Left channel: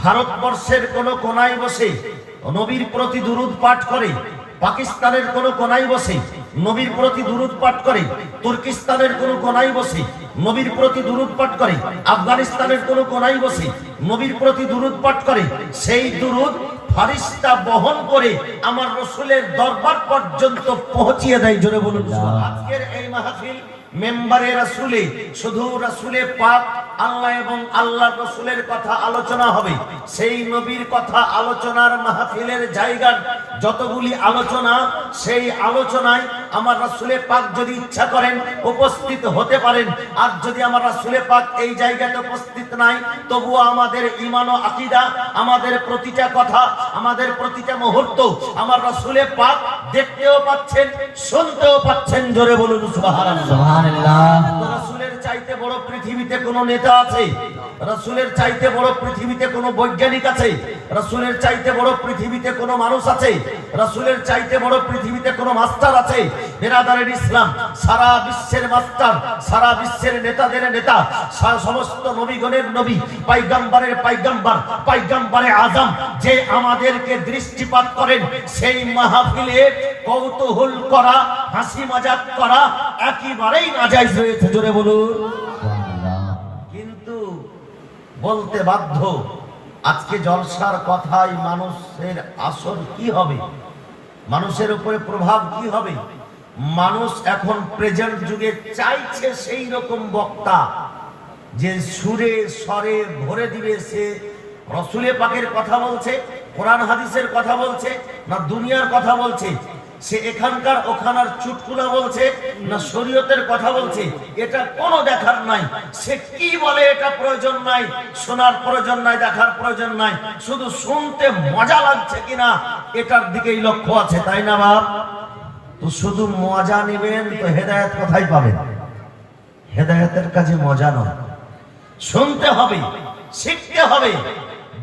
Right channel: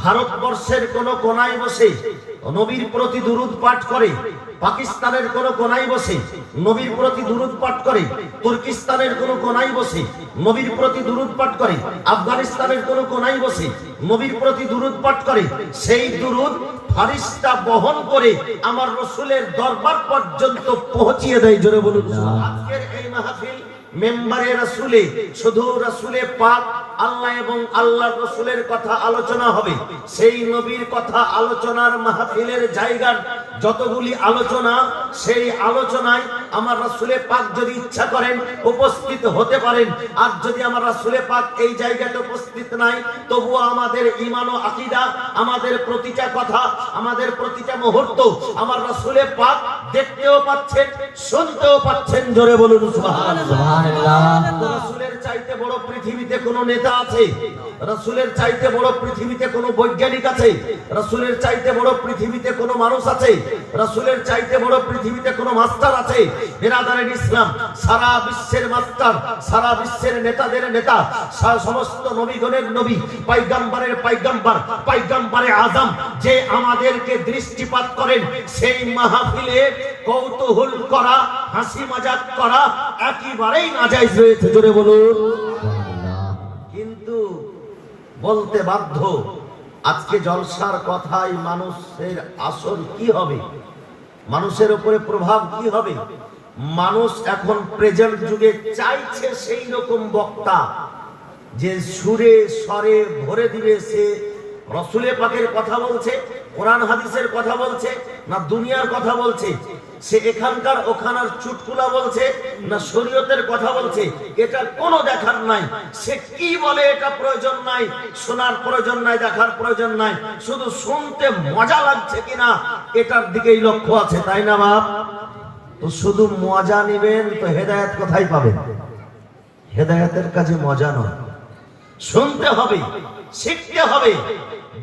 ভারতবর্ষের কোন কোনায় বসে নবীর প্রতি দুরূদ পাঠ করে, পাকিস্তানের কোন কোনায় বসে নবীর প্রতি দুরূদ পাঠ করে, তুর্কিস্তানের কোন কোনায় বসে নবীর প্রতি দুরূদ পাঠ করে, আফগানিস্তানের কোন কোনায় বসে নবীর প্রতি দুরূদ পাঠ করে, সেই দুরূদ ফারিস্তা বহন করে আমার রাসূলের দরবার পর্যন্ত পৌঁছিয়ে দেয়। জোরে বলুন। আজকের এই মাহফিল মেম্বারে রাসূলে শুধু রাসূলে পাক আল্লাহ এবং আল্লাহর রাসূলের কথা আলোচনা হবে। সেই নবীর কথা আলোচনার মাহফিলের জায়গা যতগুলি আলোচনা, সেই আলোচনায় আমার রাসূলে পাক যদি ইচ্ছা করেন উপস্থিত হতে পারেন। আর যদি আমার রাসূলে পাক এই জায়গাতে উপস্থিত নাই, তবুও আমাদের ঈমান ও আকীদা, আমাদের প্রতিটা কথা, আমাদের প্রতিটা মুহূর্ত আমার রাসূলে পাক দেখতেও পাচ্ছেন, শুনতেও পাচ্ছেন। জোরে বলুন সুবহানাল্লাহ। রাসূলের চাইতে বড় পৃথিবীতে কোন নেতা আছে? রাসূলের চাইতে বড় পৃথিবীতে কোন বৈজ্ঞানিক আছে? রাসূলের চাইতে বড় পৃথিবীতে কোন মানুষ আছে? রাসূলের চাইতে বড় পৃথিবীতে কোন মাস্টার আছে? বিরাদারের ইসলাম, সারা বিশ্বের মাস্টার, সারা বিশ্বের নেতাদের নেতা, সমস্ত নবীগণের নবী, পয়গম্বরের পয়গম্বর, পয়গম্বরে আজম যে আমাদেরকে দৃষ্টিপাত করেন, সেই মাহফিলে কৌতূহল করা, হাসি মজাক করা একেবারেই নাজায়েজ হয়েছে। জোরে বলুন। কিন্তু বলতে বাধ্য, আজকে জলসার কথাই মানুষের আসর কি হবে, মানুষের উপরে প্রভাব কি হবে। মানুষ এখন প্রেজেন্ট যুগে চাইছে সেই রকম বক্তা যে সুরে স্বরে ভরে দিবে। সে রাসূলে পাকের কথা বলছে, কোরআন হাদিসের কথা বলছে, না দুনিয়ার কথা বলছে? সে এখানকার ওখানার চুটকুলা বলছে, না শরীয়তের কথা বলছে? এটা কোনো দেখার নাই। সে কি বলে এটা প্রয়োজন নাই, শোনার প্রয়োজন নাই, দেখার প্রয়োজন নাই। শুধু শুনতে মজা লাগছে কিনা এটার দিকেই লক্ষ্য আছে, তাই না বাপ? তো শুধু মজা নেবেন তো হেদায়েত কোথায় পাবেন? হেদায়েতের কাজে মজা নয়, শুনতে হবে, শিখতে হবে,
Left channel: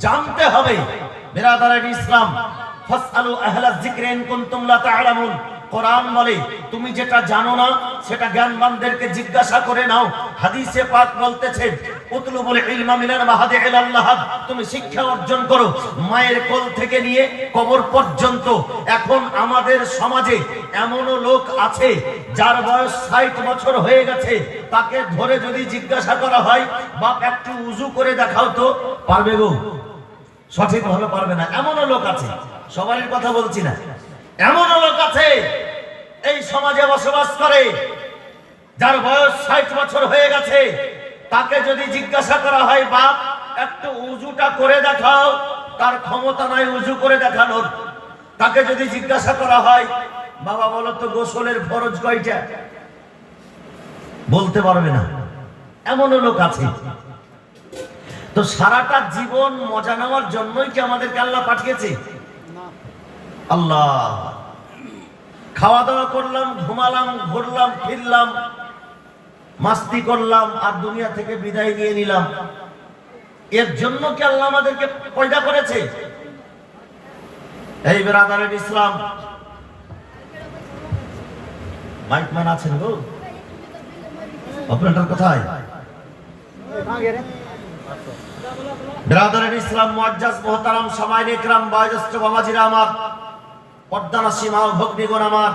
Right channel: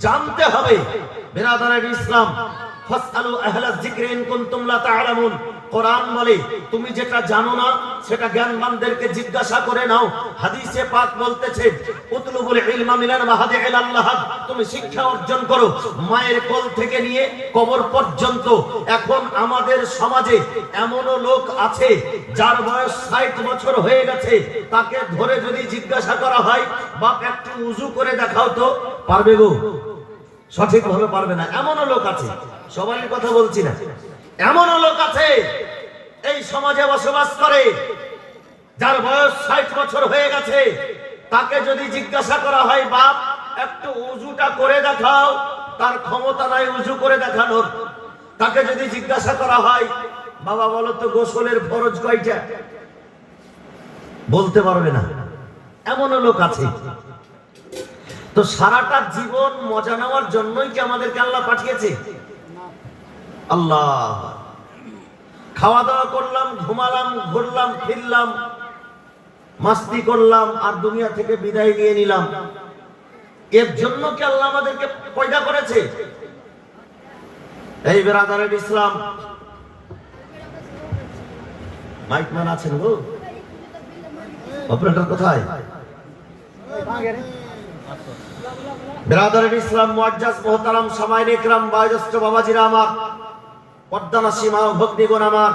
জানতে হবে। বিরাদারের ইসলাম, ফাসআলু আহলায যিকরি ইন কুনতুম লা তা'লামুন। কোরআন বলে তুমি যেটা জানো না সেটা জ্ঞানবানদেরকে জিজ্ঞাসা করে নাও। হাদিসে পাক বলতেছে উতলুবুল ইলমা মিনাল মাহাদি ইলাল লাহাদ, তুমি শিক্ষা অর্জন করো মায়ের কোল থেকে নিয়ে কবর পর্যন্ত। এখন আমাদের সমাজে এমনও লোক আছে যার বয়স 60 বছর হয়ে গেছে, তাকে ধরে যদি জিজ্ঞাসা করা হয় বাপ একটু উযু করে দেখাও তো, পারবে গো? সঠিক ভাবে পারবে না। এমনও লোক আছে, সবাইয়ের কথা বলছি না, এমন লোক আছে এই সমাজে বসবাস করে যার বয়স 60 বছর হয়ে গেছে, তাকে যদি জিজ্ঞাসা করা হয় বাপ একটু উযুটা করে দেখাও, তার ক্ষমতা নাই উযু করে দেখানোর। তাকে যদি জিজ্ঞাসা করা হয় বাবা বলো তো গোসলের ফরজ কয়টা, বলতে পারবে না। এমন লোক আছে। তো সারাটা জীবন মজা নেওয়ার জন্যই কি আমাদেরকে আল্লাহ পাঠিয়েছে? আল্লাহ খাওয়া দাওয়া করলাম, ঘুমালাম, ঘুরলাম, ফিরলাম, মাস্তি করলাম আর দুনিয়া থেকে বিদায় নিয়ে নিলাম। এর জন্য কি আল্লাহ আমাদেরকে পয়দা করেছে? এই বিরাদারের ইসলাম, মাইক ম্যান আছেন গো, অপারেটর কোথায়? বিরাদারের ইসলাম, মুআজ্জাজ মুহতারাম সামাইন ইকরাম, বয়োজ্যেষ্ঠ বাবাজিরা আমার, পর্দানাসী মা ভগ্নীগণ আমার,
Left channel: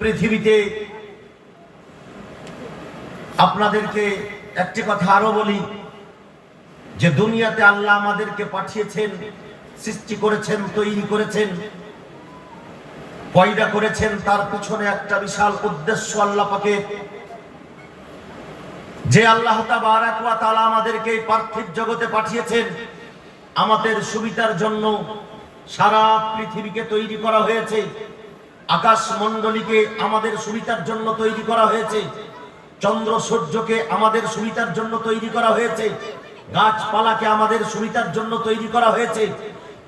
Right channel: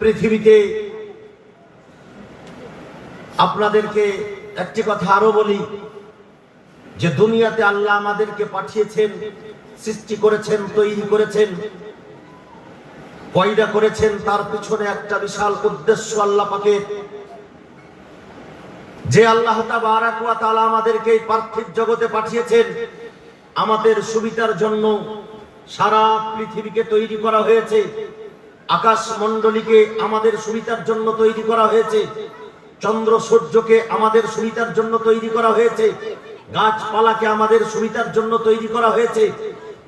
পৃথিবীতে আপনাদেরকে একটি কথা আরো বলি যে দুনিয়াতে আল্লাহ আমাদেরকে পাঠিয়েছেন, সৃষ্টি করেছেন, তৈরি করেছেন, পয়দা করেছেন। তার পিছনে একটা বিশাল উদ্দেশ্য আল্লাহ পাকের। যে আল্লাহ তাবারাক ওয়া তাআলা আমাদেরকে এই পার্থিব জগতে পাঠিয়েছেন আমাদের সুবিধার জন্য। সারা পৃথিবীকে তৈরি করা হয়েছে, আকাশ মণ্ডলীকে আমাদের সুবিধার জন্য তৈরি করা হয়েছে, চন্দ্র সূর্যকে আমাদের সুবিধার জন্য তৈরি করা হয়েছে, গাছপালাকে আমাদের সুবিধার জন্য তৈরি করা হয়েছে,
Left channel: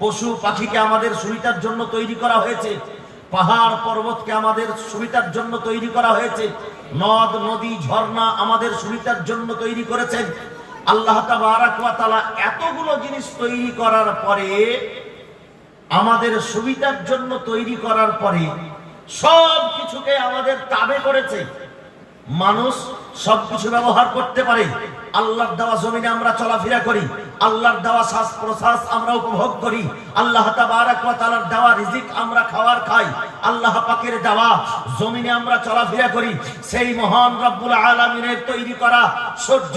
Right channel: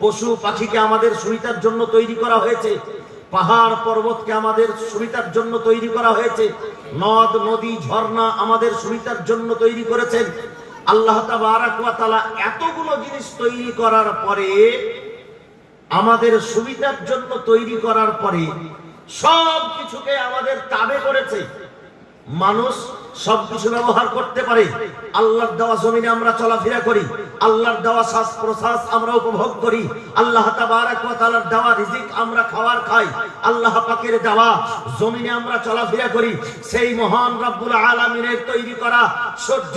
পশু পাখিকে আমাদের সুবিধার জন্য তৈরি করা হয়েছে, পাহাড় পর্বতকে আমাদের সুবিধার জন্য তৈরি করা হয়েছে, নদ নদী ঝর্ণা আমাদের সুবিধার জন্য তৈরি করেছেন আল্লাহ তাবারাক ওয়া তাআলা। এতগুলো জিনিস তৈরি করার পরে, আমাদের সুবিধার জন্য তৈরি করার পরে সব কিছুকে আমাদের তাবে করেছে। মানুষ সবকিছু ব্যবহার করতে পারে। আল্লাহর দেওয়া জমিনে আমরা চলাফেরা করি, আল্লাহর দেওয়া শ্বাস প্রশ্বাস আমরা উপভোগ করি, আল্লাহ তাবারক ওয়া তাআলার দেওয়া রিজিক আমরা খাবার খাই, আল্লাহ পাকের দেওয়া জমিনে আমরা চলাফেরা করি, সেই মহান রব্বুল আলামিনের তৈরি করা সূর্য,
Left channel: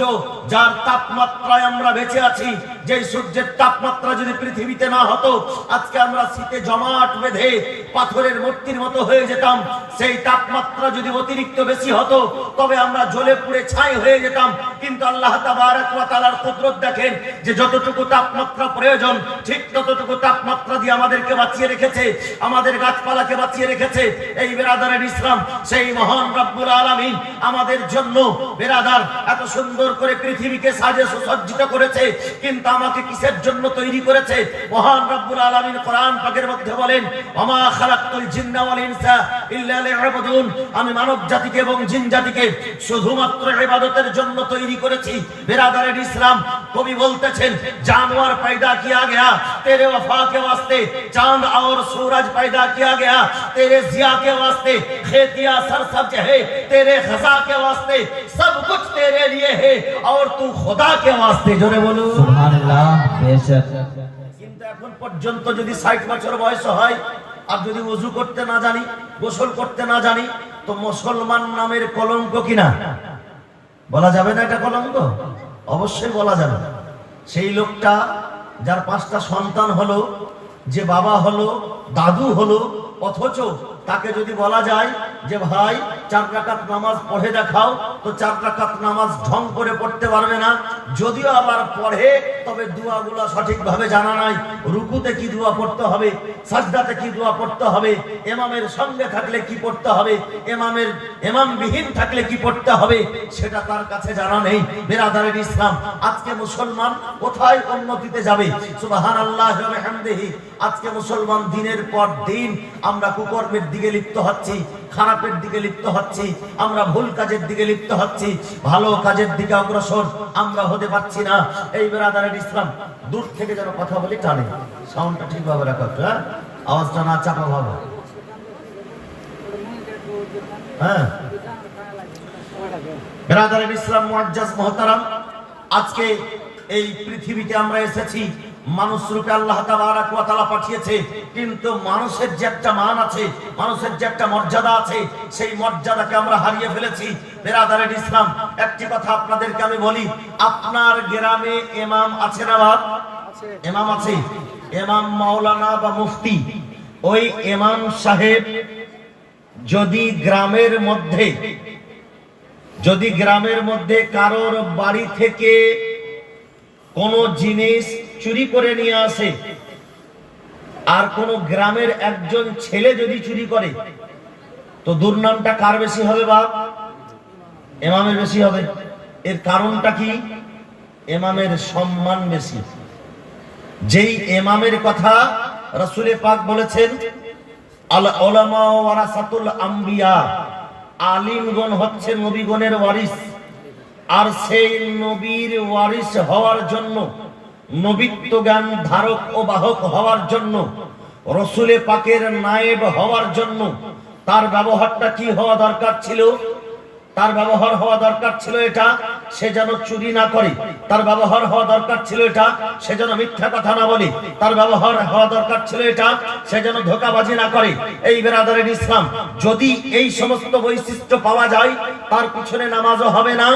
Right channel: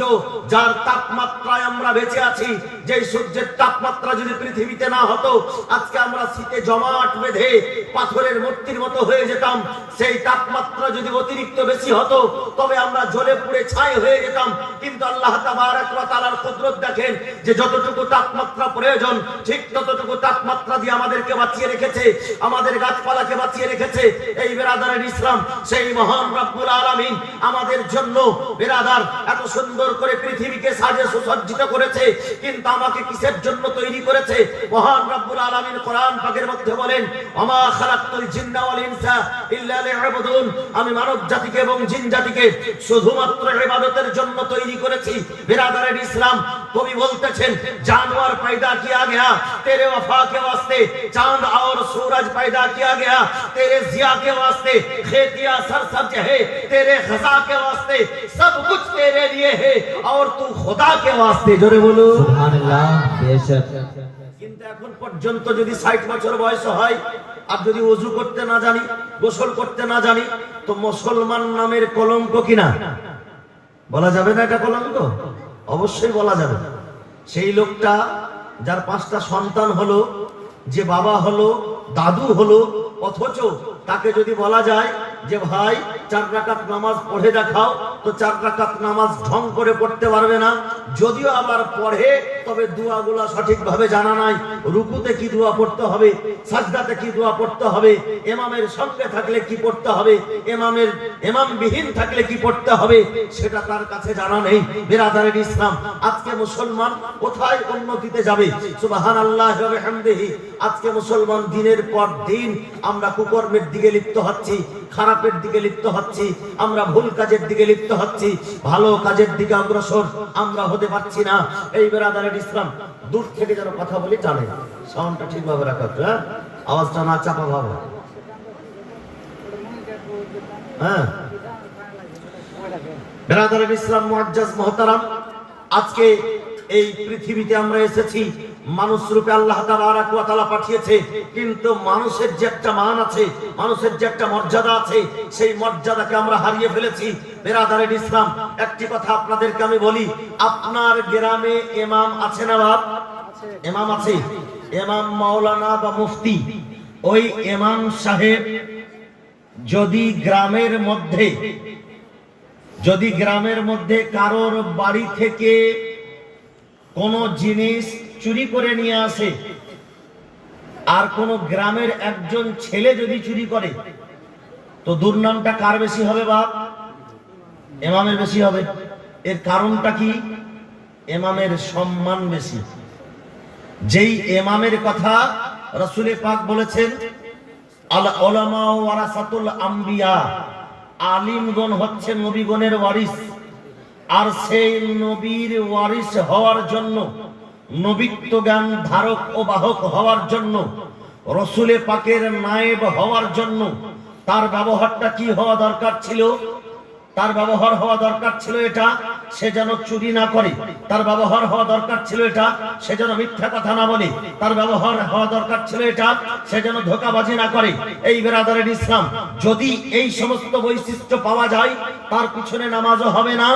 যার তাপমাত্রায় আমরা বেঁচে আছি, যে সূর্যের তাপমাত্রা যদি পৃথিবীতে না হতো আজকে আমরা শীতে জমাট বেঁধে পাথরের মূর্তির মতো হয়ে যেতাম। সেই তাপমাত্রা যদি অতিরিক্ত বেশি হতো তবে আমরা জ্বলে পুড়ে ছাই হয়ে যেতাম। কিন্তু আল্লাহ তাবারক ওয়া তাআলার কুদরত দেখেন, যে যতটুকু তাপমাত্রা প্রয়োজন ঠিক ততটুকু তাপমাত্রা দিয়ে আমাদেরকে বাঁচিয়ে রেখেছে, আমাদের গাছপালাকে বাঁচিয়ে রেখেছে। এই বেরাদারের ইসলাম, সেই মহান রব্বুল আলামিন আমাদের জন্য বেরাদার এত সুন্দর করে পৃথিবীকে সাজে সুসজ্জিত করেছে, কিন্তু আমাকে কিসের জন্য তৈরি করেছে? মহান রব্বুল আলামিন কোরআন পাকের মধ্যে বলেন, ওমা খালাকতুল জিন্না ওয়াল ইনসা ইল্লা লিয়াবুদুন, আমি মানব জাতিকে এবং জিন জাতিকে শুধুমাত্র ইবাদতের জন্য তৈরি করেছি। বেরাদারের ইসলাম, কবি বলতেছেন, जानवर पैदा किया गया तेरे वफा के वास्ते, चांद और सूरज पैदा किया गया तेरे जिया के वास्ते, खेतियां सरसब्ज है तेरे खजा के वास्ते, सब कुछ तेरे लिए है और तू खुदा के वास्ते। जोरे बोलो सुभानाल्लाह। बेशक কিন্তু এখন পর্যন্ত যদি 60 বছর বয়স হয় আর যদি ওযু করতে না জানি, গোসল করতে না জানি, তো মুসলমান নামের কলঙ্ক কিনা বলা যাবে না? এটা কলঙ্ক অবশ্যই বলা যাবে। সেই লোকটা যার 5টা সন্তান হলো, যে বাবা হলো, দাদু হলো, অথচ তাকে যদি বলা যায় যে ভাই 4 রাকাত নামাজ পড়ে দেখাও, তো 4 রাকাত নামাজ ঢং করে পড়তে পারবে না। যদিও আবার পড়ে তবে দোয়াগুলো সঠিকভাবে জানা নাই, রুকুতে কি দোয়া পড়তে হবে, সাজদাতে কি দোয়া পড়তে হবে, ইমামের সঙ্গে থাকলে কি পড়তে হবে, ইমামবিহীন থাকলে কি পড়তে হবে, সেটা তার কাছে জানা নেই। বিরাদারের ইসলাম, আজকে মুসলমান কোথায় উন্নতিতে যাবে? সুবহানাল্লাহি ওয়া বিহামদিহি। আজকে মুসলমান দিনের পর দিন আমরা কুকর্মের দিকে লিপ্ত হচ্ছি, খারাপের দিকে লিপ্ত হচ্ছি, আমরা ভুল কাজের দিকে লিপ্ত হচ্ছি, ভালো কাজের দিকে অগ্রসর আমরা হতে পারছি না। এই বেরাদারের ইসলাম, দূর থেকে যেন কথা বলি টানে, সাউন্ডটা ঠিকভাবে রাখা, হ্যাঁ, আওয়াজটা না চাপা ভাবে, হ্যাঁ। বেরাদারের ইসলাম মুআজ্জাজ মুহতারাম, আজকে এই পৃথিবীতে আমরা এসেছি, মানুষ রূপে আল্লাহ তাবারক ওয়া তাআলা পাঠিয়েছে, কিন্তু মানুষের যে একটা মান আছে, মানুষের যে একটা মর্যাদা আছে, সেই মর্যাদাকে আমরা হারিয়ে ফেলেছি। বেরাদারের ইসলাম, একটি কথা আপনাদেরকে আমি বলি, আপনার গ্রামে ইমাম আছে না বাপ? ইমাম আছে, ইমাম মাওলানা বা মুফতি। ওই ইমাম সাহেব যদি গ্রামের মধ্যে কারোর বাড়ি থেকে কোন জিনিস চুরি করে নিয়ে আসে, আর কোন গ্রামের একজন ছেলে যদি চুরি করে, তো দুর্নামটা কার বেশি হবে বাপ? ইমামের বেশি হবে। এর কারণটা কি? ইমামের সম্মান বেশি। যেই ইমামের কথা রাসূল পাক বলেছেন, আল উলামা ওয়ারাসাতুল আম্বিয়া, আলিমগণ হচ্ছে নবীগণের ওয়ারিস, আর সেই নবীর ওয়ারিস হওয়ার জন্য, নবিত্ব জ্ঞান ধারক ও বাহক হওয়ার জন্য, রাসূল পাকের নায়েব হওয়ার জন্য তার ব্যবহারটা কি হওয়া দরকার ছিল? তার ব্যবহার হওয়া দরকার ছিল এটা, সে যেন চুরি না করে। তার ব্যবহার হওয়া দরকার ছিল এটা, সে যেন মিথ্যা কথা না বলে। তার ব্যবহার হওয়া দরকার ছিল এটা, সে যেন ধোঁকাবাজি না করে। এই বেরাদারের ইসলাম, যদি এই সমস্ত বৈশিষ্ট্য পাওয়া যায়, তার পিছনে নামাজও হবে না,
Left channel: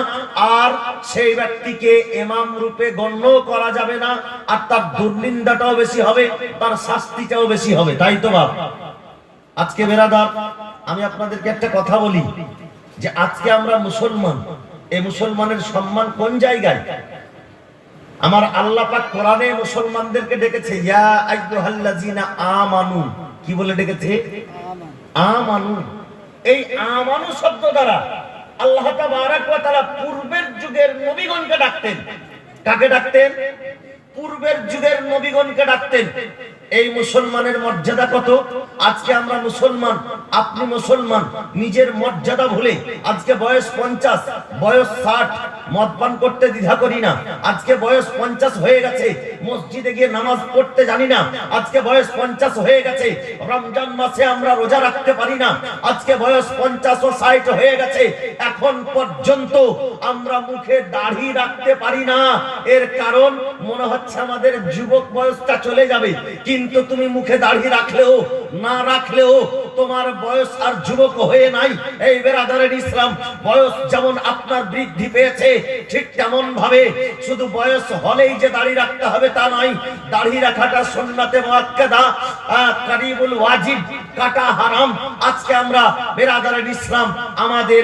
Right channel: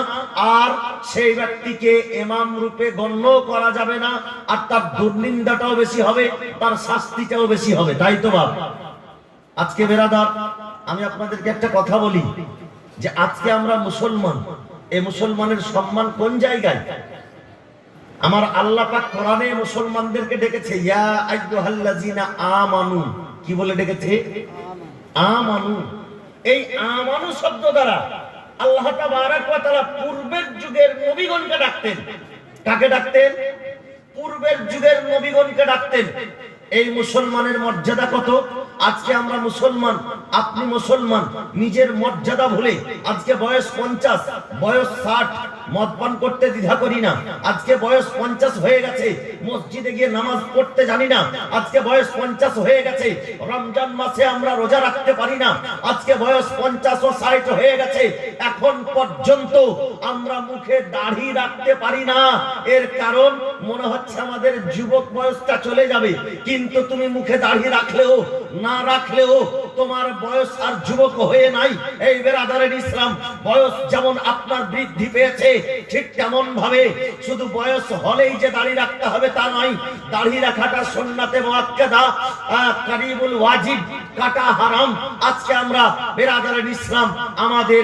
আর সেই ব্যক্তিকে ইমাম রূপে গণ্য করা যাবে না, আর তার দুর্নিন্দাটাও বেশি হবে, তার শাস্তিটাও বেশি হবে। তাই তো বাপ, আজকে বেরাদার, আমি আপনাদেরকে একটা কথা বলি, যে আজকে আমরা মুসলমান, এই মুসলমানের সম্মান কোন জায়গায়? আমার আল্লাহ পাক কোরআনে মুসলমানদেরকে ডেকেছে ইয়া আইয়ুহাল্লাযিনা আমানু, কি বলে ডেকেছে? আমানু। এই আমানু শব্দ দ্বারা আল্লাহ তাবারক ওয়া তাআলা পূর্বের যুগের নবীগণকে ডাকতেন। কাকে ডাকতেন? পূর্বের যুগের নবীগণকে ডাকতেন। এই মুসলমানের মর্যাদা কত! আজকে আমরা মুসলমান, আপনি মুসলমান, নিজের মর্যাদা ভুলে আজকে বয়স 50, বয়স 60, মদ পান করতে দ্বিধা করি না। আজকে বয়স 50 হয়ে গেছে, মসজিদে গিয়ে নামাজ পড়তে জানি না। আজকে বয়স 50 হয়ে গেছে, রমজান মাসে আমরা রোজা রাখতে পারি না। আজকে বয়স 50 ও 60 হয়ে গেছে, এখন পর্যন্ত আমরা মুখে দাড়ি রাখতে পারি না। এর কারণ মনে হচ্ছে আমাদের যুবক বয়সটা চলে যাবে। কিন্তু তুমি মুখে দাড়ি রাখলেও না রাখলেও তোমার বয়স আর যুবক হয়ে নাই। এই বেরাদারের ইসলাম, বয়স যেমন আপনার বৃদ্ধি পেয়েছে, ঠিক তেমন ভাবে শুধু বয়স হলেই যে দাড়ি রাখতে হবে তা নয়। দাড়ি রাখাটা সুন্নাতে মুআক্কাদা, কারিবুল ওয়াজিব, কাটা হারাম। আজকে আমরা বেরাদারের ইসলাম, আমাদের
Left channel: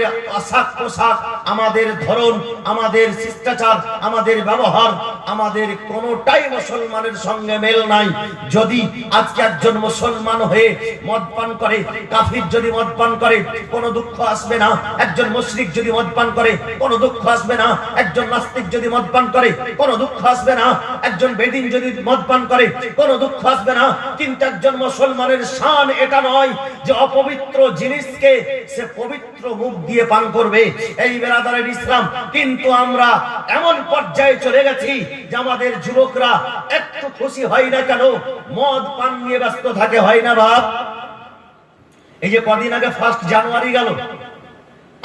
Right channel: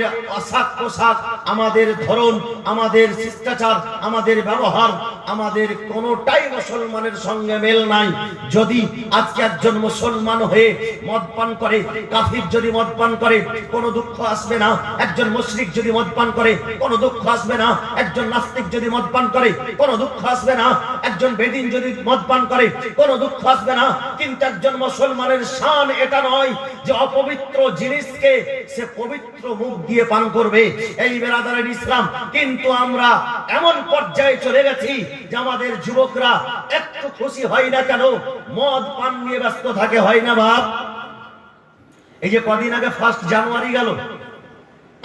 পোশাক, আমাদের ধরন, আমাদের শিষ্টাচার, আমাদের ব্যবহার, আমাদের কোনটাই মুসলমানের সঙ্গে মেল নাই। যদি আজকে একজন মুসলমান হয়ে মদ পান করে, কাফির যদি মদ পান করে কোনো দুঃখ আসবে না। একজন মুশরিক যদি মদ পান করে কোনো দুঃখ আসবে না। একজন নাস্তিক যদি মদ পান করে কোনো দুঃখ আসবে না। একজন বেদিন যদি মদ পান করে কোনো দুঃখ আসবে না। কিন্তু একজন মুসলমানের শান এটা নয় যে অপবিত্র জিনিসকে সে পবিত্র মুখ দিয়ে পান করবে। এই বেরাদারের ইসলাম, কিন্তু আমরা এমন পর্যায়ে চলে গেছি যে আমাদের যুবকরা একটু খুশি হয় না কেন মদ পান নিয়ে ব্যস্ত থাকে, হয় না বাপ? এই যে কদিন আগে 1 জানুয়ারি গেল,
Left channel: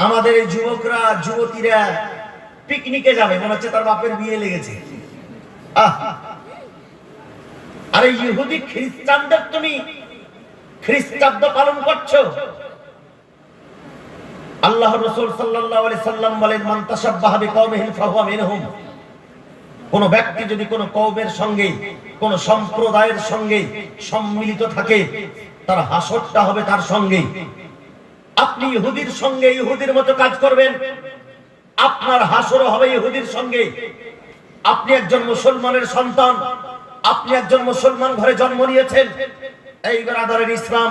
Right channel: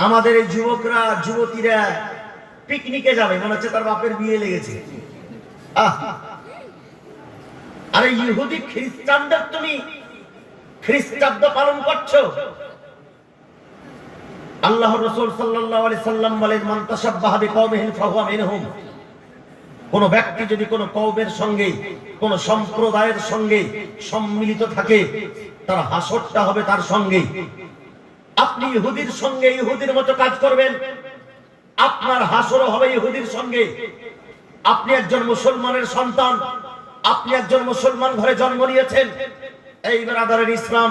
আমাদের এই যুবকরা যুবতীরা পিকনিকে যাবে, মনে হচ্ছে তার বাপের বিয়ে লেগেছে। আরে ইহুদি খ্রিস্টানদের তুমি খ্রিস্টাব্দ পালন করছো। আল্লাহ রাসূল সাল্লাল্লাহু আলাইহি সাল্লাম বলেন, মান তাশাব্বাহা বিকওমিহিম ফাহুয়া মিনহুম। কোন ব্যক্তি যদি কোন কওমের সঙ্গে, কোন সম্প্রদায়ের সঙ্গে সম্মিলিত থাকে, তার হাসরটা হবে তার সঙ্গে। আপনি ইহুদির সঙ্গে ইহুদির মতো কাজ করবেন, আপনার হাসরও হবে ইহুদির সঙ্গে। আপনি একজন মুসলমানের সন্তান, আপনি একজন মুসলমান ঘরে জন্ম নিয়েছেন। এই বেরাদারের ইসলাম,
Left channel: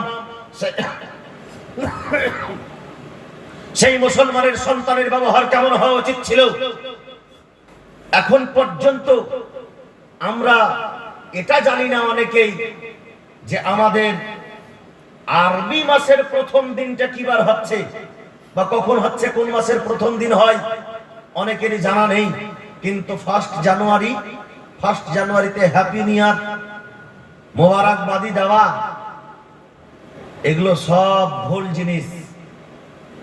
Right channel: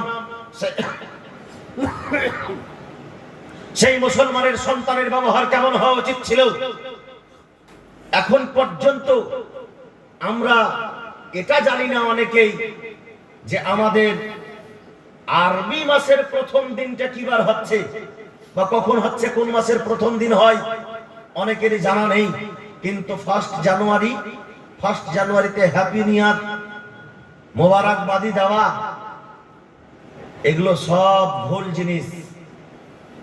সেই মুসলমানের সন্তানের ব্যবহার কেমন হওয়া উচিত ছিল? এখন পর্যন্ত আমরা এটা জানি না অনেকেই যে আমাদের আরবি মাসের প্রথম দিনটা কিবার হচ্ছে বা কখন হচ্ছে, কোন মাসের প্রথম দিন হয়, অনেকেরই জানা নেই। কিন্তু 1 জানুয়ারিতে হ্যাপি নিউ ইয়ার, মোবারকবাদি দেওয়া, এগুলো সব ভুল জিনিস।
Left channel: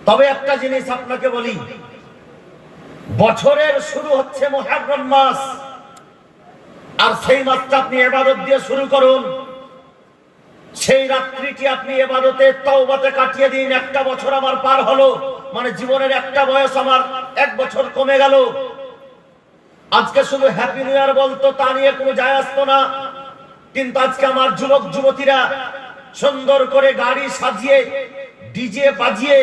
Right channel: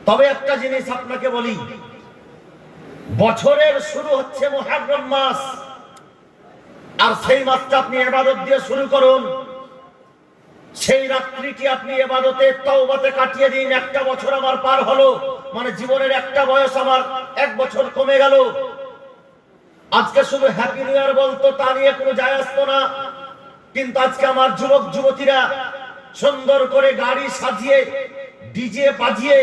তবে একটা জিনিস আপনাকে বলি, বছরের শুরু হচ্ছে মুহররম মাস, আর সেই মাসটা আপনি ইবাদত দিয়ে শুরু করুন। সেই রাত্রিটি আপনি ইবাদতে তওবাতে কাটিয়ে দিন। একটা বছর আমার পার হলো, মানে জীবনের একটা বয়স আমার 1 বছর কমে গেল। আজকে শুধু হ্যাপি নিউ ইয়ার বলতো, তা নিয়ে কোনো যায় আসতো না। কিন্তু আজকে আমার যুবক যুবতীরা সুন্দর করে গাড়ি সাজিয়ে, ডিজে বাজিয়ে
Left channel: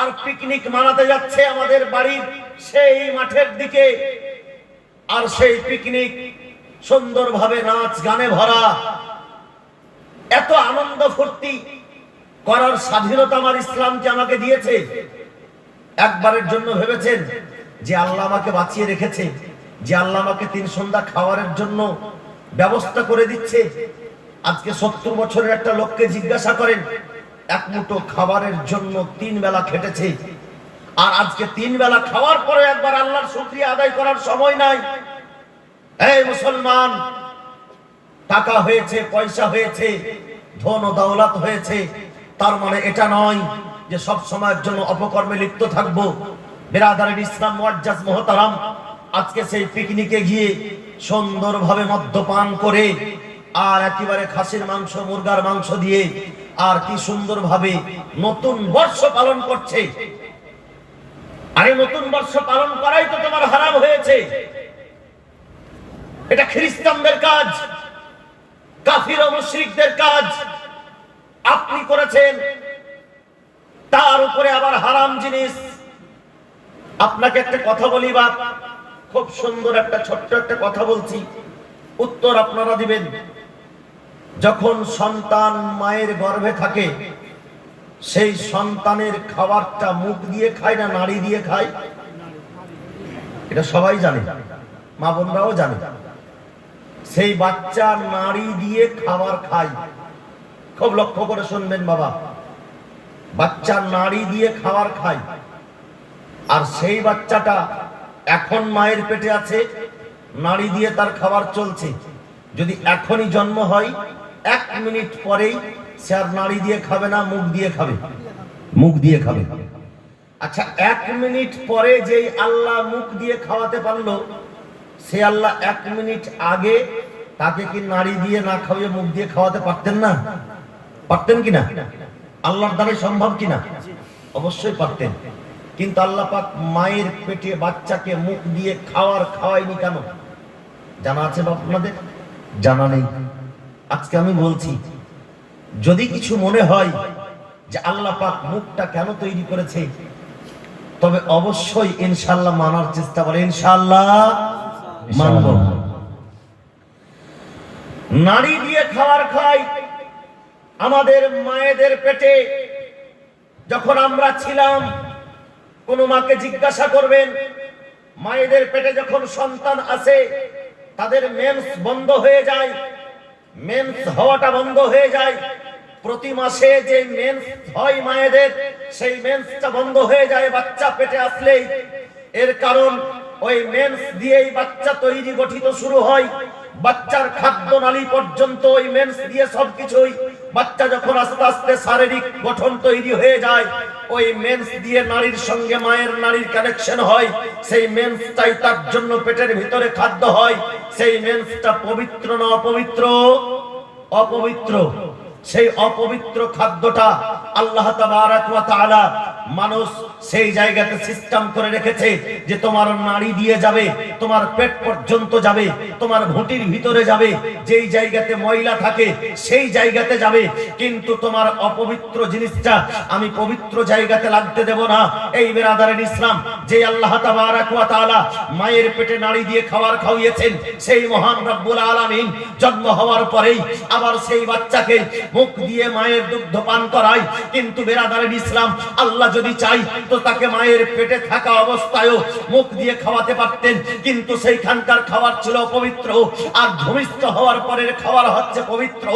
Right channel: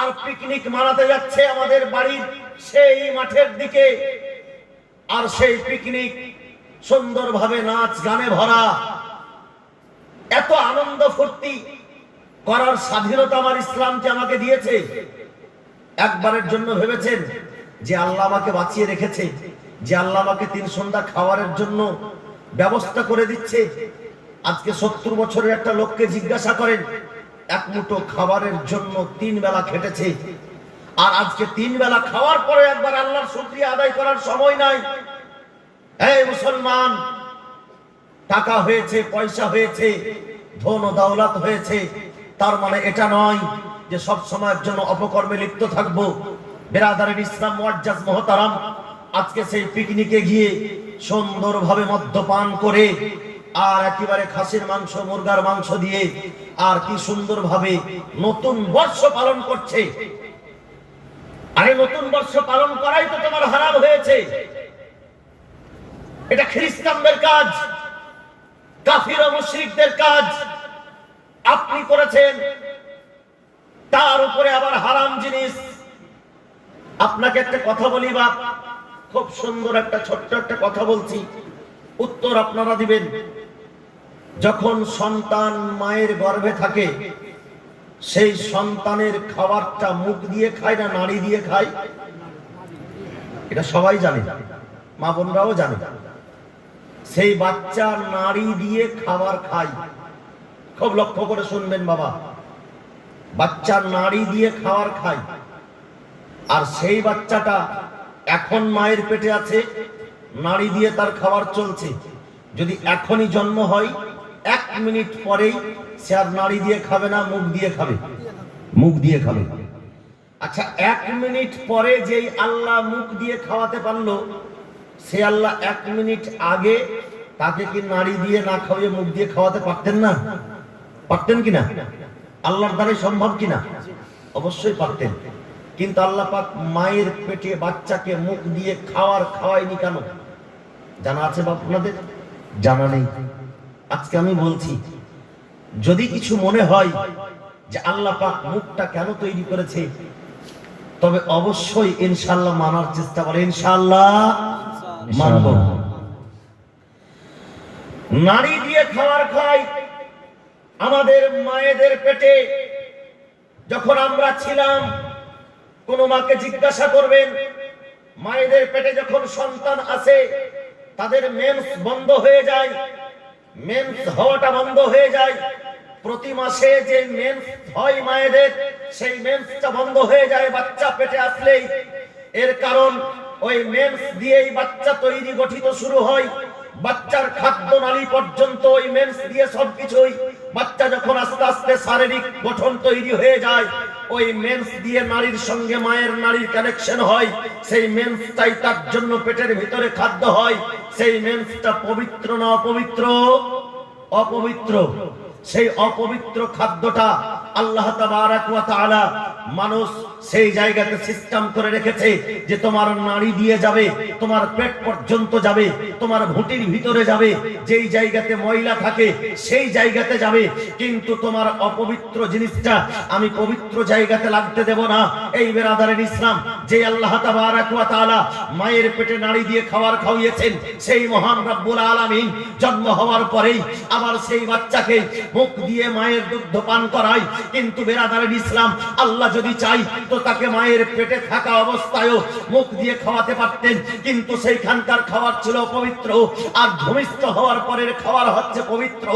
আর পিকনিক মানাতে যাচ্ছে আমাদের বাড়ির সেই মাঠের দিকে। আর সেই পিকনিক সুন্দরভাবে নাচ গানে ভরা। এত আনন্দ ফুর্তি করার স্বাধীনতা আমার ইসলামকে আমাকে দিয়েছে। একবারের জন্য ভেবেছেন যে আল্লাহ আমাকে বাঁচিয়ে রেখেছে, যে আল্লাহ আমাকে 3 সন্ধ্যা খাওয়ারের জন্য ব্যবস্থা করে দিচ্ছে? আজকে 70 বছরের একটা লোককে জিজ্ঞাসা করেন, 1 মুঠো খাবারের জন্য 3 বেলা খেটেছে। আর আজকে 3 বেলা খাওয়ার পরে একবার আল্লাহর শুকরিয়া আদায় করার সময় নাই। এই মুসলমান, টাকা হয়েছে, পয়সা হয়েছে, ধন ও দৌলত হয়েছে, তার মানে এটা নয় যে সব সময়ের জন্য অপকর্মে লিপ্ত থাকবো। বেরাদারের ইসলাম মুআজ্জাজ মুহতারাম, আজকে সেই পিকনিকে গিয়ে সুন্দরভাবে মদ্যপান করে আর একেবারে খাসির মাংস, মুরগার মাংস দিয়ে আর কি সুন্দরভাবে নতুন বর্ষ পালন করছে। আরে নতুন বর্ষ পালন করাই তো তোমার হারাম হয়েছে। এটা খ্রিস্টানদের কাজ, কাফির ও মুশরিকদের কাজ। আপনি করেছেন, তার উপরে আবার হারাম জিনিস। আপনাকে একটা কথা বলি বাপ, খুব সুন্দর একটা ছোট্ট একটা কথা বলছি, উত্তর আপনারা দিবেন। যখন সন্তান মায়ের গর্ভে থাকে, সেই সন্তানের খাবারটা মুখ দিয়ে খায় না নাড়ি দিয়ে খায়? এটা সবাই জানে, মা বোনরাও জানে। সেই বাচ্চা নাড়ি দিয়ে খাবার খায়। খুব লক্ষ্য করে শুনবেন বাবা, বাচ্চা নাড়ি দিয়ে খাবার খায়, আর সেই বাচ্চাটা এখন মায়ের পেটে আছে, নাড়ি দিয়ে তার খাবার চলছে। যদি এখনই জন্ম হয়, 1 মিনিট পরেই সে আর নাড়ি দিয়ে খাবে না, মুখ দিয়ে খাবে, মুখ দিয়ে খাবে। আচ্ছা, 1 মিনিট পরে যেই আল্লাহ মুখ দিয়ে খাওয়াতে পারলো, সে আল্লাহ 1 মিনিট আগে তাকে কি নাড়ি দিয়ে না খাওয়িয়ে মুখ দিয়ে খাওয়াতে পারতেন না? পারতেন কিনা? আল্লাহর দ্বারা সম্ভব কিনা? অবশ্যই পারতেন। কিন্তু আল্লাহ পাক মায়ের পেটে বাচ্চাকে মুখ দিয়ে খাওয়ায়নি কেন? জানা আছে বা আপনাদের? জানা নেই। আজকে আমি বলছি, যদি কিছু মনে হয় যে আল্লাহ পাক মুখটা কেন তৈরি করেছে, তবে অবশ্যই ইনশাআল্লাহ মানার চেষ্টা করে। ইনশাআল্লাহ মানব। নাড়ি দিয়ে খাবার খাই। আমাদের মায়েদের পেটে যখন আমরা ছিলাম, কোন মাকে জিজ্ঞাসা করবেন, মায়েদের পেটে যখন সন্তান আসে, তাদের মেন্স বন্ধ হয়ে যায়, মেন্স হওয়াটা বন্ধ হয়ে যায়। প্রতি মাসে যে মেন্স হয় মায়েদের, সেই মেন্সটা বন্ধ হয়ে যায় বাচ্চা পেটে আসলেই। এর কারণ ওই মেন্স দিয়েই বাচ্চা তৈরি গঠিত শুরু হয়। বাচ্চার খাদ্য নালী পর্যন্ত ওই মেন্স দিয়ে সবকিছুই। বাচ্চা যখন আস্তে আস্তে শারীরিক গঠন তৈরি হয়ে যায়, ওই মেন্স দিয়ে নারীর সঙ্গে মায়ের নারীর কানেকশন হয়। সেই মেন্সটাই তার জন্য পেটের ভিতরে খাদ্য হয়। সেই মেন্সটা পবিত্র না অপবিত্র? অপবিত্র। সেই অপবিত্র খাদ্যটা আল্লাহ তাবারাক ওয়া তাআলা মানুষ সেই জায়গাতে সিস্টেম করে রেখেছে যে তোমার নাড়ি দিয়ে যাবে, তোমার পেট পর্যন্ত যাবে, তোমার ভুঁটির ভিতরে যাবে। যেই জায়গাতে ময়লা থাকে সেই জায়গাতে যাবে, কিন্তু তোমার অপবিত্র জিনিসটা আমি পবিত্র জায়গাতে লাগতে দেব না। এই বেরাদারের ইসলাম, যে আল্লাহ তাবারাক ওয়া তাআলা মায়ের পেটে নাড়ি দিয়ে খাবার খাওয়িয়েছেন, সেই মহান রব্বুল আলামিন জন্ম হওয়ার পরেই আবার সেই বাচ্চাকে মুখ দিয়ে মায়ের দুগ্ধ পান করায়। কিন্তু বেরাদারের ইসলাম, আল্লাহ যদি চাই তো তাকে মায়ের পেটে থাকা অবস্থায়ও মুখ দিয়ে খাওয়াতে পারতেন, কিন্তু সেইখানকার খাবার ছিল অপবিত্র, আর ভূমিষ্ঠ হওয়ার পরের খাবার হচ্ছে পবিত্র।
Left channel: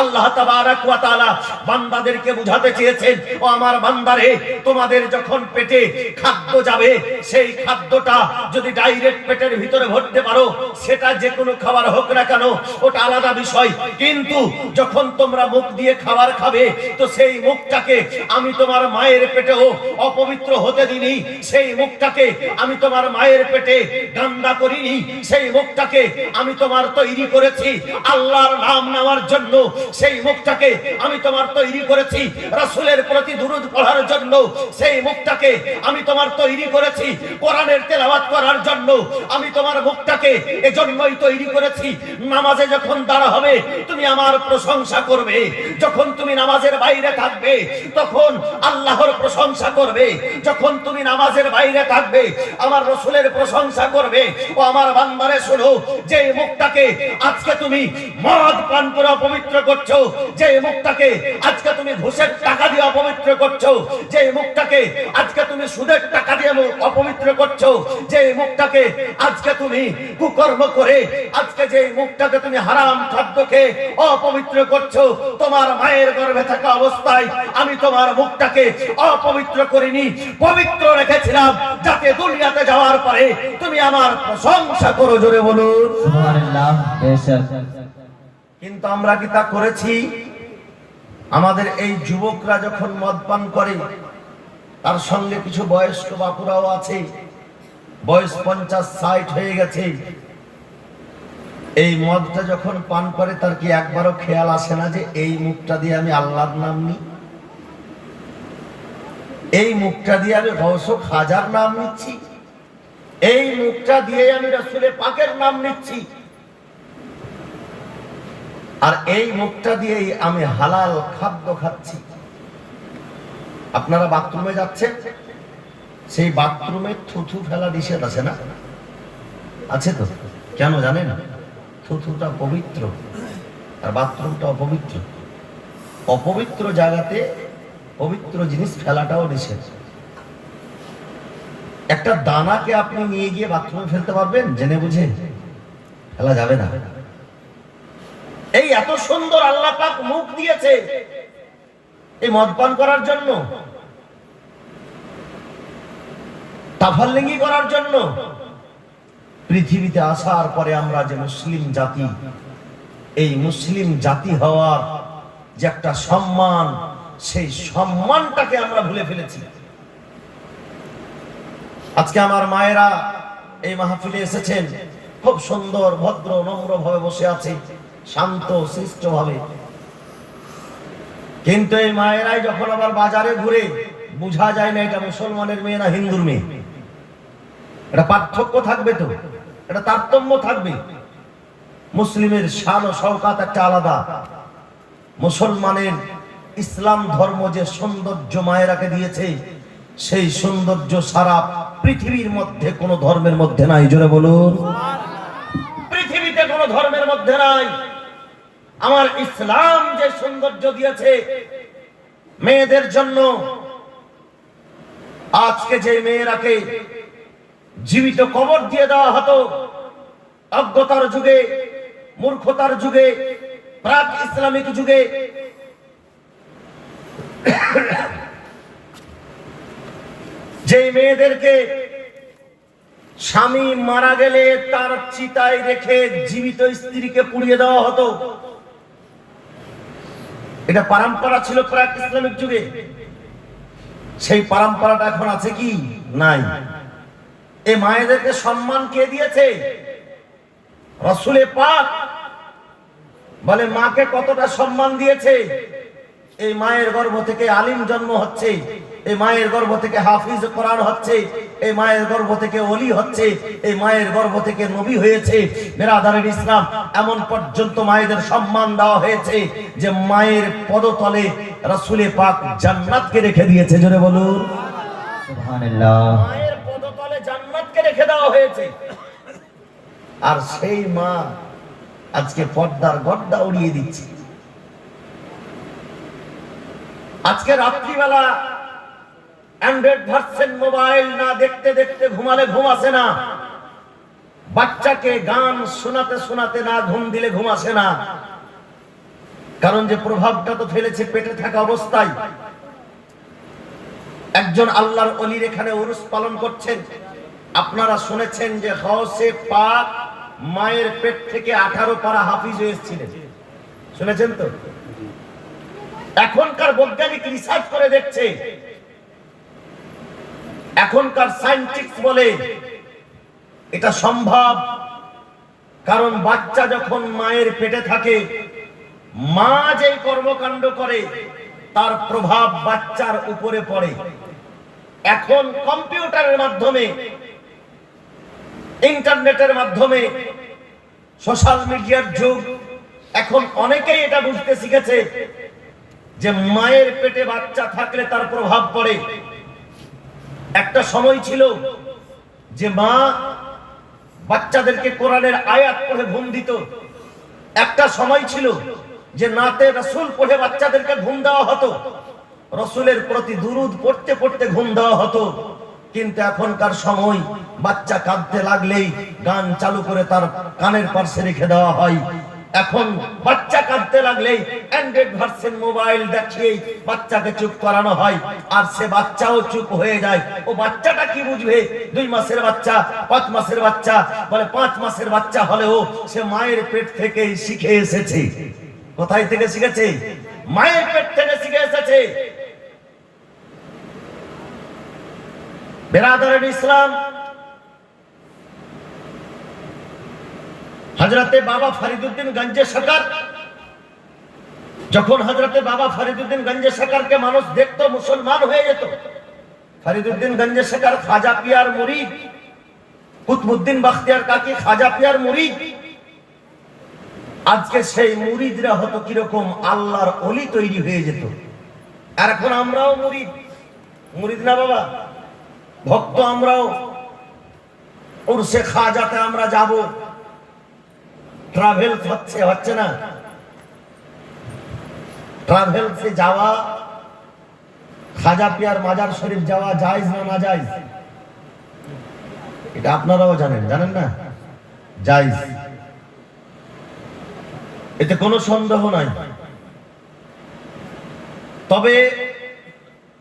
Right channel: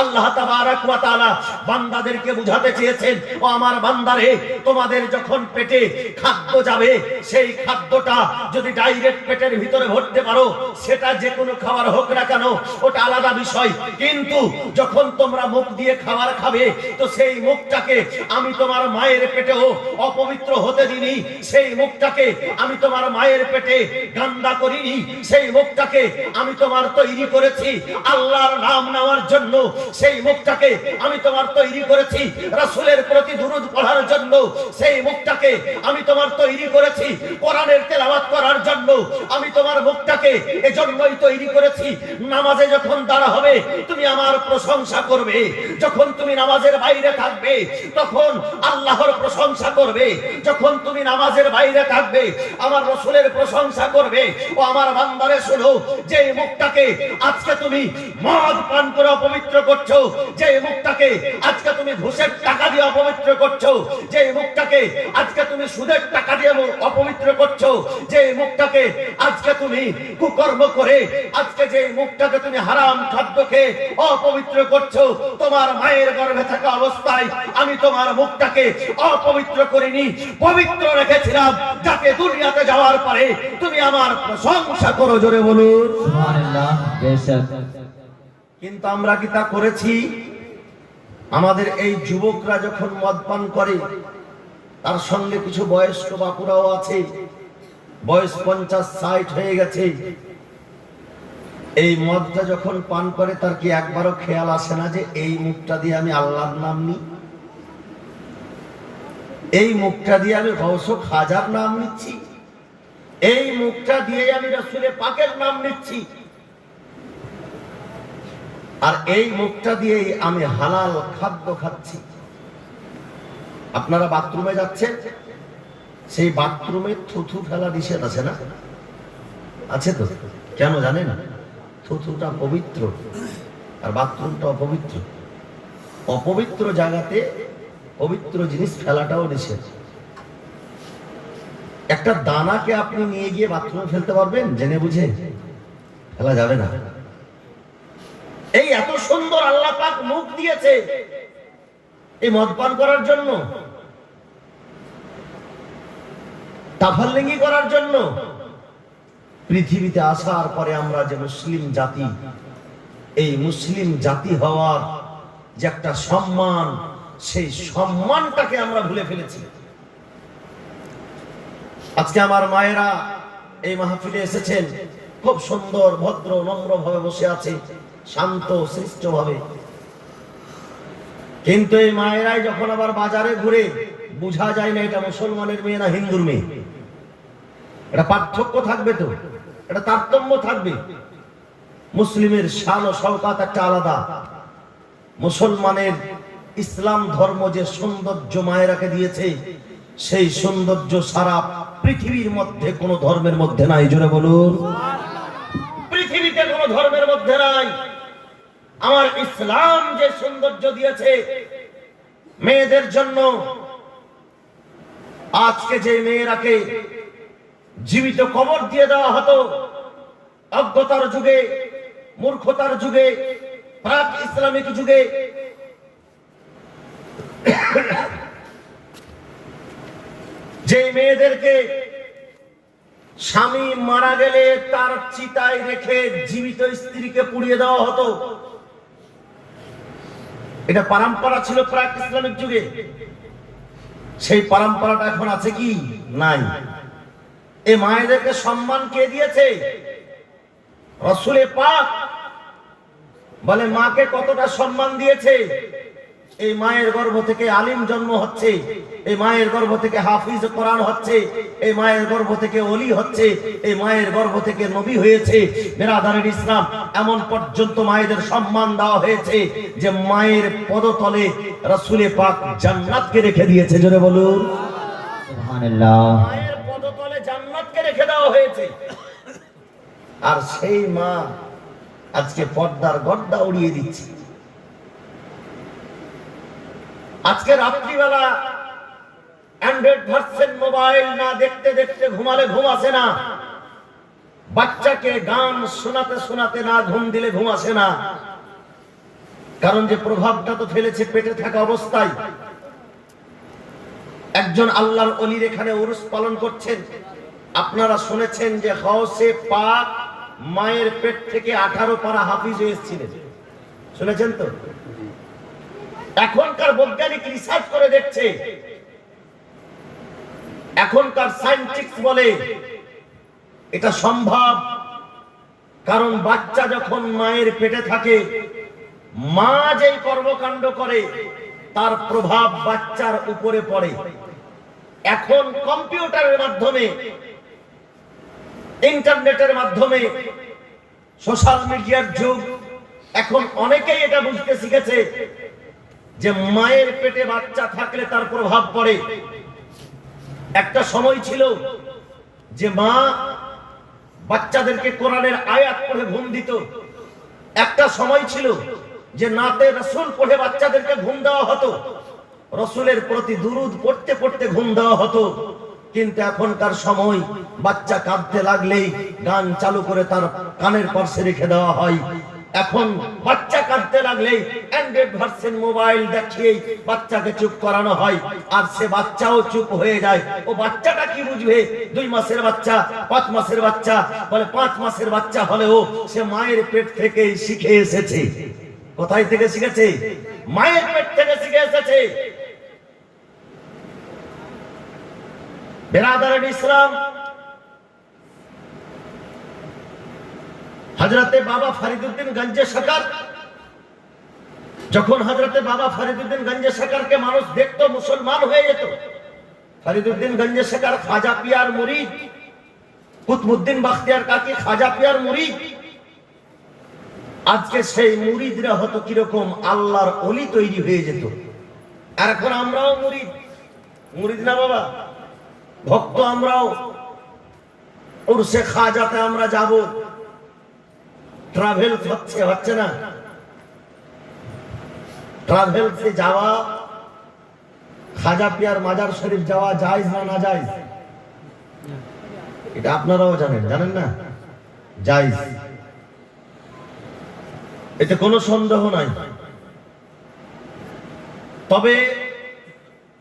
আল্লাহ তাবারাক ওয়া তাআলা বান্দাদেরকে বুঝাতে চেয়েছেন, ও আমার বান্দারে, তোমাদের যখন পেটে খাদ্য যাবে, সেই খাদ্যটা যদি ডাইরেক্ট পেটের ভিতরে ভরতে পারো, সেটা যে কোনো খাবার হোক না কেন, ওটা আলাদা বিষয়। কিন্তু যখন তোমরা মুখ দিয়ে খাবার খাবে, তো সেই মুখটাকে আমি তোমার মায়ের পেটেও অপবিত্র হতে দিনি। সেই মুখটাকে আমি তোমার মায়ের পেটে গান্দা করিনি। সেই মুখটাকে আমি তোমার তৈরি করেছি আল্লাহর নাম নেওয়ার জন্য। সেই মুখটাকে আমি তোমার তৈরি করেছি রাসূলের প্রতি দুরূদ পড়ার জন্য। সেই মুখটাকে আমি তোমার তৈরি করেছি কোরআনের তেলাওয়াত করার জন্য। আমি তোমার মুখটাকে এজন্যই তৈরি করেছি, নামাজে যখন দাঁড়া হবে তুমি আমার প্রশংসা করবে। যখন তুমি নামাজের বাইরে থাকবে তখন আল্লাহর প্রশংসা করবে। যখন তুমি নামাজের বাইরে থাকবে আমার রাসূলের প্রশংসা করবে। ও আমার বান্দারে শোনো, যে মুখটাকে আজকে তুমি মদ পান করে অপবিত্র করছো, যে মুখটাকে আজকে তুমি ঘুষের টাকা দিয়ে অপবিত্র করছো, যে মুখটাকে আজকে তুমি সুদের টাকা দিয়ে অপবিত্র করছো, যে মুখটাকে আজকে তুমি কুকর্ম করে, আজকে যে মুখটাকে তুমি হারাম খাদ্য খেয়ে অপবিত্র করছো, তোমার মায়ের গর্ভে থাকা অবস্থায় আমি তোমার মুখটাকে অপবিত্র করিনি, পবিত্র রেখেছিলাম, যাতে দুনিয়াতে যাওয়ার পরে তুমি আমার প্রশংসা করো। জোরে বলুন সুবহানাল্লাহ। কিন্তু আমরা কি তা করেছি? আমাদের এই যুবকরা যখন মদ পান করে, তার সঙ্গে কিছু বয়স্ক বাপুরাও আছে, বয়স 50-60 হয়ে গেছে। এই মদটা যখন পান করে তার কি একবারও খেয়াল আসে না যে এই মুখটা দিয়ে আমি আল্লাহর নাম নিই, এই মুখটা দিয়ে আমি গৌস খাজার নাম নিচ্ছি, এই মুখটা দিয়ে আমি রাসূলের পাকের নাম নিচ্ছি, আর এই মুখটা দিয়েই আমি হালাল খাদ্য খাচ্ছি। আপনারা বাথরুমে যাচ্ছেন, সেই বাথরুমে থুথু ফেলা নিষেধ আছে না? আছে তো? কেন জানেন? থুথুটা পবিত্র আর বাথরুমটা অপবিত্র। অপবিত্র জায়গাতে পবিত্র জিনিস ফেলাটাও নিষেধ। একটা দানাকে আপনি নিয়ে গিয়ে বাথরুমে ফেলতে পারবেন? জেনে বুঝে ফেলা যাবে না। এই এত সুন্দর আল্লাহ পাক মুখ দিয়েছে এই মদ পান করার জন্য। তাফাল্লিঙ্গি করার জন্য। পৃথিবীতে আসার পরে আমরা যে মুসলিম জাতি, এই মুসলিম জাতি হওয়ার যে একটা সম্মান, সেই সম্মানটাকে আমরা ভুলে ফেলেছি। আজকে আমার মায়েরা এই মাহফিলে এসেছেন, খুব সুন্দর ভদ্র নম্র ভাবে বসে আছে, শান্ত শিষ্ট ভাবে। কিন্তু এই মায়েরাই যখন আবার বাজারে ঘুরে, বোঝা যায় না এটা মুসলমানের মেয়ে না হিন্দুর মেয়ে। এটা পার্থক্য থাকবে, তো এটা তারতম্য থাকবে। মুসলিমের শান ও শওকাত একটা আলাদা। মুসলমানের ইসলাম ধর্ম যে সৌন্দর্য মায়েরাকে দিয়েছে, সেই সৌন্দর্য সারা পৃথিবীর মধ্যে কোন ধর্মের মধ্যে নাই। জোরে বলুন, পৃথিবীতে কোন ধর্মের মধ্যে নাই। আমার ইসলাম যে সৌন্দর্য দিয়েছে মেয়েদের জন্য, আজকে যে মেয়েরাকে জীবিত কবর দিয়ে দেওয়া হতো অজ্ঞতার যুগে, মূর্খতার যুগে, প্রাক ইসলামিক যুগে, যে মেয়েদেরকে স্বামী মারা গেলে তার চিতায় রেখে জীবিত স্ত্রীকে পুড়িয়ে দেওয়া হতো, এটা পরম্পরা ছিল প্রাক ইসলামিক যুগে। সেই পরম্পরাটা এখন আছে কি? নাই। এই মায়েদেরকে সম্মান কে দিয়েছে? রাসূলে পাক বলে মাকে কতটা সম্মান দিয়েছে। এই মায়ের গর্ভ থেকে আলিম জন্ম হচ্ছে, এই মায়ের গর্ভ থেকে হাফিজ কোরআন হচ্ছে, এই মায়ের গর্ভ থেকে ওলি হচ্ছে, এই মায়ের গর্ভ থেকে নবী হয়েছে। বিরাদরান ইসলাম, এমন পর্যন্ত মায়েদের সম্মান দেওয়া হয়েছে যে মায়ের পদতলে রাসূলে পাক জান্নাতকে রেখে দিয়েছে। জোরে বলুন সুবহানাল্লাহ। মায়ের পদতলে জান্নাতকে রেখে দেওয়া হয়েছে। আর সেই মা আজকে পর্দার গর্দা উড়িয়ে দিচ্ছে। আজকে রাত্রিবেলা অ্যান্ড্রয়েড ভার্সন মোবাইল না দেখতে দেখতে ঘুমালে ঘুম আসে না, বাচ্চাকে গান শোনাতে শোনাতে না ঘুম দিলে ঘুম আসে না। কারণ যে প্রভাবটা তো ফেলেছে পেটে থাকা অবস্থায়। একজন আল্লাহর ওলির এখানে উরুস পালন করছেন। আপনারা শুনেছেন যে গাউসে পাক মায়ের পেট থেকে 18 পারা হাফিজ হয়েছিলেন, শুনেছেন তো? এখনকার বৈজ্ঞানিক রিসার্চ করে দেখছে, এখনকার সায়েন্টিস্ট বলে এটা সম্ভব। কারণ বাচ্চা যখন মায়ের পেটে থাকে, মা যেই কর্মকাণ্ড করে তার প্রভাব বাচ্চার উপরে পড়ে। এখন কম্পিউটারের মাধ্যমে, ইন্টারনেটের মাধ্যমে, সোশ্যাল মিডিয়ার যুগ, এখন অনেকেই এটা বুঝতে শিখেছে যে মায়ের পেটে বাচ্চা থাকলে তার প্রভাব পড়ে। একটা সময় ছিল যে মা বাচ্চাদেরকে কোরআনের আয়াত পড়ে ঘুম দিত। একটা সময় ছিল যে নাতে রাসূল পড়ে বাচ্চাদেরকে ঘুম দেওয়া হতো, রাসূলের প্রতি দুরূদ পড়তে পড়তে ঘুম দেওয়া হতো। কিন্তু এখনকার সময় বাচ্চা কাঁদতে লাগলেই গান চালু করে তার কানের পাশে রেখে দেওয়া হয়। এখন বাচ্চা কাঁদতে লাগলেই অ্যান্ড্রয়েড ভার্সন মোবাইল দেখিয়ে বাচ্চাকে চুপ করানো হয়। আর সে বাচ্চাও চুপ হয়ে যায়। ও বাচ্চাটা কি বুঝবে? 2 মাসের বাচ্চা, 5 মাসের বাচ্চা, বলে 5 মাসের বাচ্চা হলেও সে মায়ের পেট থেকেই শিখে এসেছে। কোথায় থেকে শিখেছে? মায়ের পেট থেকে শিখে এসেছে। বিরাদরান ইসলাম, হযরতে বাবা ফরিদউদ্দিন গঞ্জে শকর, যখন হযরতে বাবা ফরিদউদ্দিন গঞ্জে শকরকে মানুষ দেখতো মুসলমান হয়ে যেত। ফরিদউদ্দিন গঞ্জে শকর খাজা পিয়ার মুরিদ, কুতুবউদ্দিন বখতিয়ার কাকি খাজা পিয়ার মুরিদ। আজকে সেই মুরিদরা হতো কিরকম? আল্লাহর ওলি তৈরি হয়ে যেত। আর এখন আমরাও মুরিদ, মুরিদ না বাবা, ভক্ত আমরাও। উরসে খাজাতে আমরা যাব, ট্রাভেলস হচ্ছে না? ট্রাভেলসে যাওয়া, খাজা পিয়ার মাজার শরীফ যাওয়া জায়েজ না না জায়েজ? এটা আপনারাও জানেন, জানেন না? জায়েজ, এতে কোনো সন্দেহ নাই। তবে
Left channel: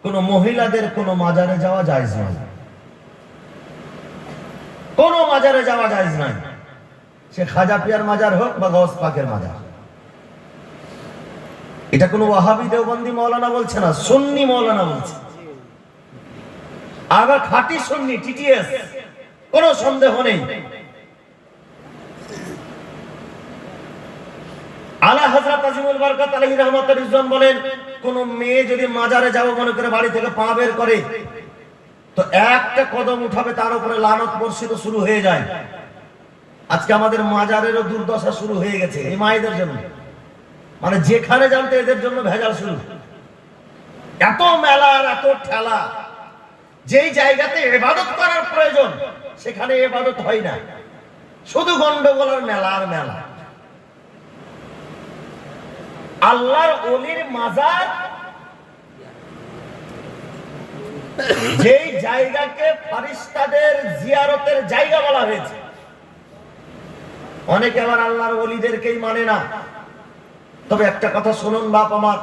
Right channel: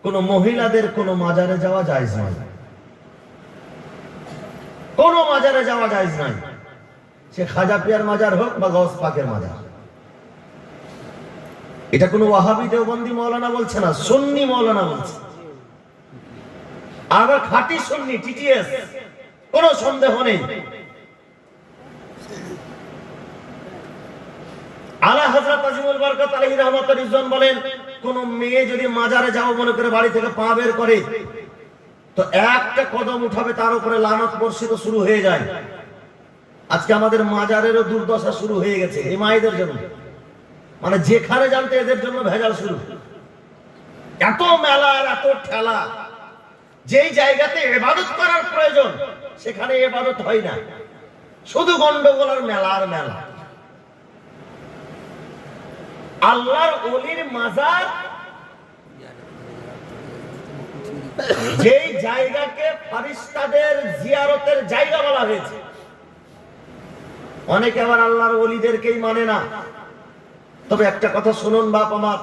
কোন মহিলাদের কোন মাজারে যাওয়া জায়েজ নয়। মাজারে যাওয়া জায়েজ নয়, সে খাজা পিয়ার মাজার হোক বা গৌস পাকের মাজার। এটা কোনো ওয়াহাবি দেওবন্দি মাওলানা বলছে না, সুন্নি মাওলানা বলছে। আবার খাঁটি সুন্নি টিটিএস, কোনো সন্দেহ নেই। আলা হযরত আজিমুল বরকত আলাইহি রাহমাতুর রিজওয়ান বলেন, কোন মেয়ে যদি মাজারে যাও মনে করে বাড়ি থেকে পা বের করে, তো একটা কদম উঠাবে তার উপরে লানত বর্ষিত শুরু হয়ে যায়। আজকে আমাদের মাজারেরও দুর্দশা শুরু হয়ে গেছে এই মায়েদের জন্য, মানে যেখানে জানতে এদের জন্য ভেজাল শুরু। এত মেলা আর এত ঠেলা, যেই জায়গাতে ইবাদত করার প্রয়োজন সেখানে ইবাদত হয় না, শুধু গন্ডগোল আর মেলা আর মেলা। আল্লাহর ওলির মাজার যেই জায়গাকে ফেরেশতাদের জিয়ারতের জায়গা বলা হয়েছে, অনেকে আবার আল্লাহর ওলিদেরকেই মানে না। তবে একটা কথা শুনুন বাপ আমার,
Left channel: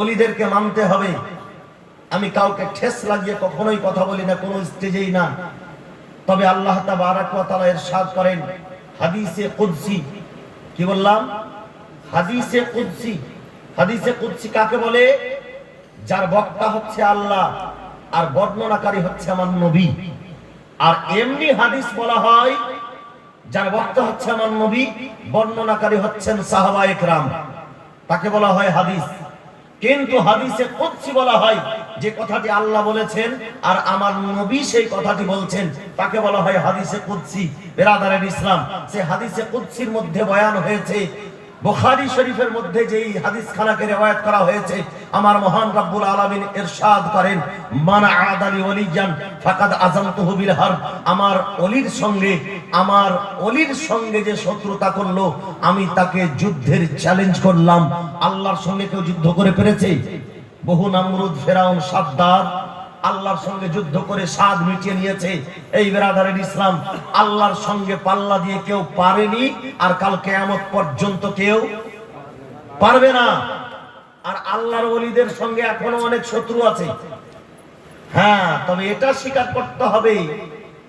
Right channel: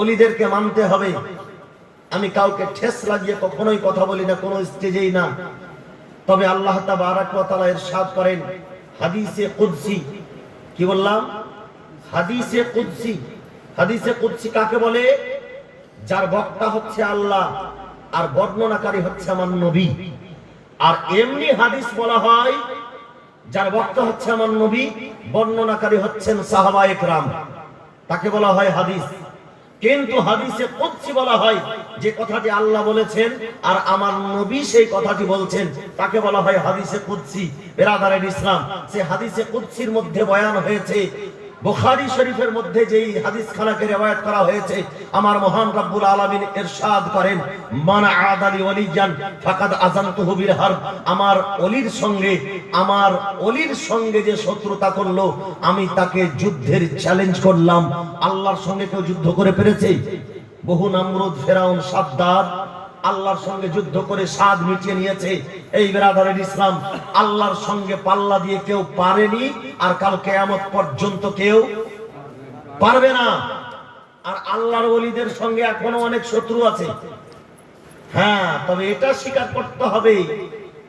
ওলিদেরকে মানতে হবে। আমি কাউকে ঠেস লাগিয়ে কখনোই কথা বলি না, কোনো স্টেজেই না। তবে আল্লাহ তাবারক ওয়া তাআলা ইরশাদ করেন হাদিসে কুদসি, কি বললাম? হাদিসে কুদসি। হাদিসে কুদসি কাকে বলে? যার বক্তা হচ্ছে আল্লাহ আর বর্ণনাকারী হচ্ছে আমার নবী। আর এমনি হাদিস বলা হয় যার বক্তা হচ্ছে আমার নবী, বর্ণনাকারী হচ্ছেন সাহাবায়ে কেরাম, তাকে বলা হয় হাদিস। কিন্তু হাদিসে কুদসি বলা হয় যে কথাটি আল্লাহ বলেছেন আর আমার নবী সেই কথাটি বলছেন, তাকে বলা হয় হাদিসে কুদসি। বিরাদারের ইসলাম, সেই হাদিসে কুদসির মধ্যে বয়ান হয়েছে, বুখারী শরীফের মধ্যে যেই হাদিস খানাকে রিওয়ায়াত করা হয়েছে, আমার মহান রব্বুল আলামিন ইরশাদ করেন, মান আদালি ওয়ালিয়ান ফাকাদ আযানতুহু বিল হারব। আমার ওলির সঙ্গে যে শত্রুতা করলো, আমি তাকে যুদ্ধের চ্যালেঞ্জ করলাম। আল্লাহর সঙ্গে কেউ যুদ্ধ করে পেরেছে? বহু নমরুদ, ফেরাউন, সাদ্দাত আল্লাহর সঙ্গে যুদ্ধ করে স্বাদ মিটিয়ে নিয়েছে। এই বিরাদারের ইসলাম, আল্লাহর সঙ্গে পাল্লা দিয়ে কেউ পারেনি, আর কাল কিয়ামত পর্যন্ত কেউ পারবে না। আর আল্লাহর ওলিদের সঙ্গে এখনো অনেক শত্রু আছে। হ্যাঁ, তবে এটা স্বীকার করতে হবে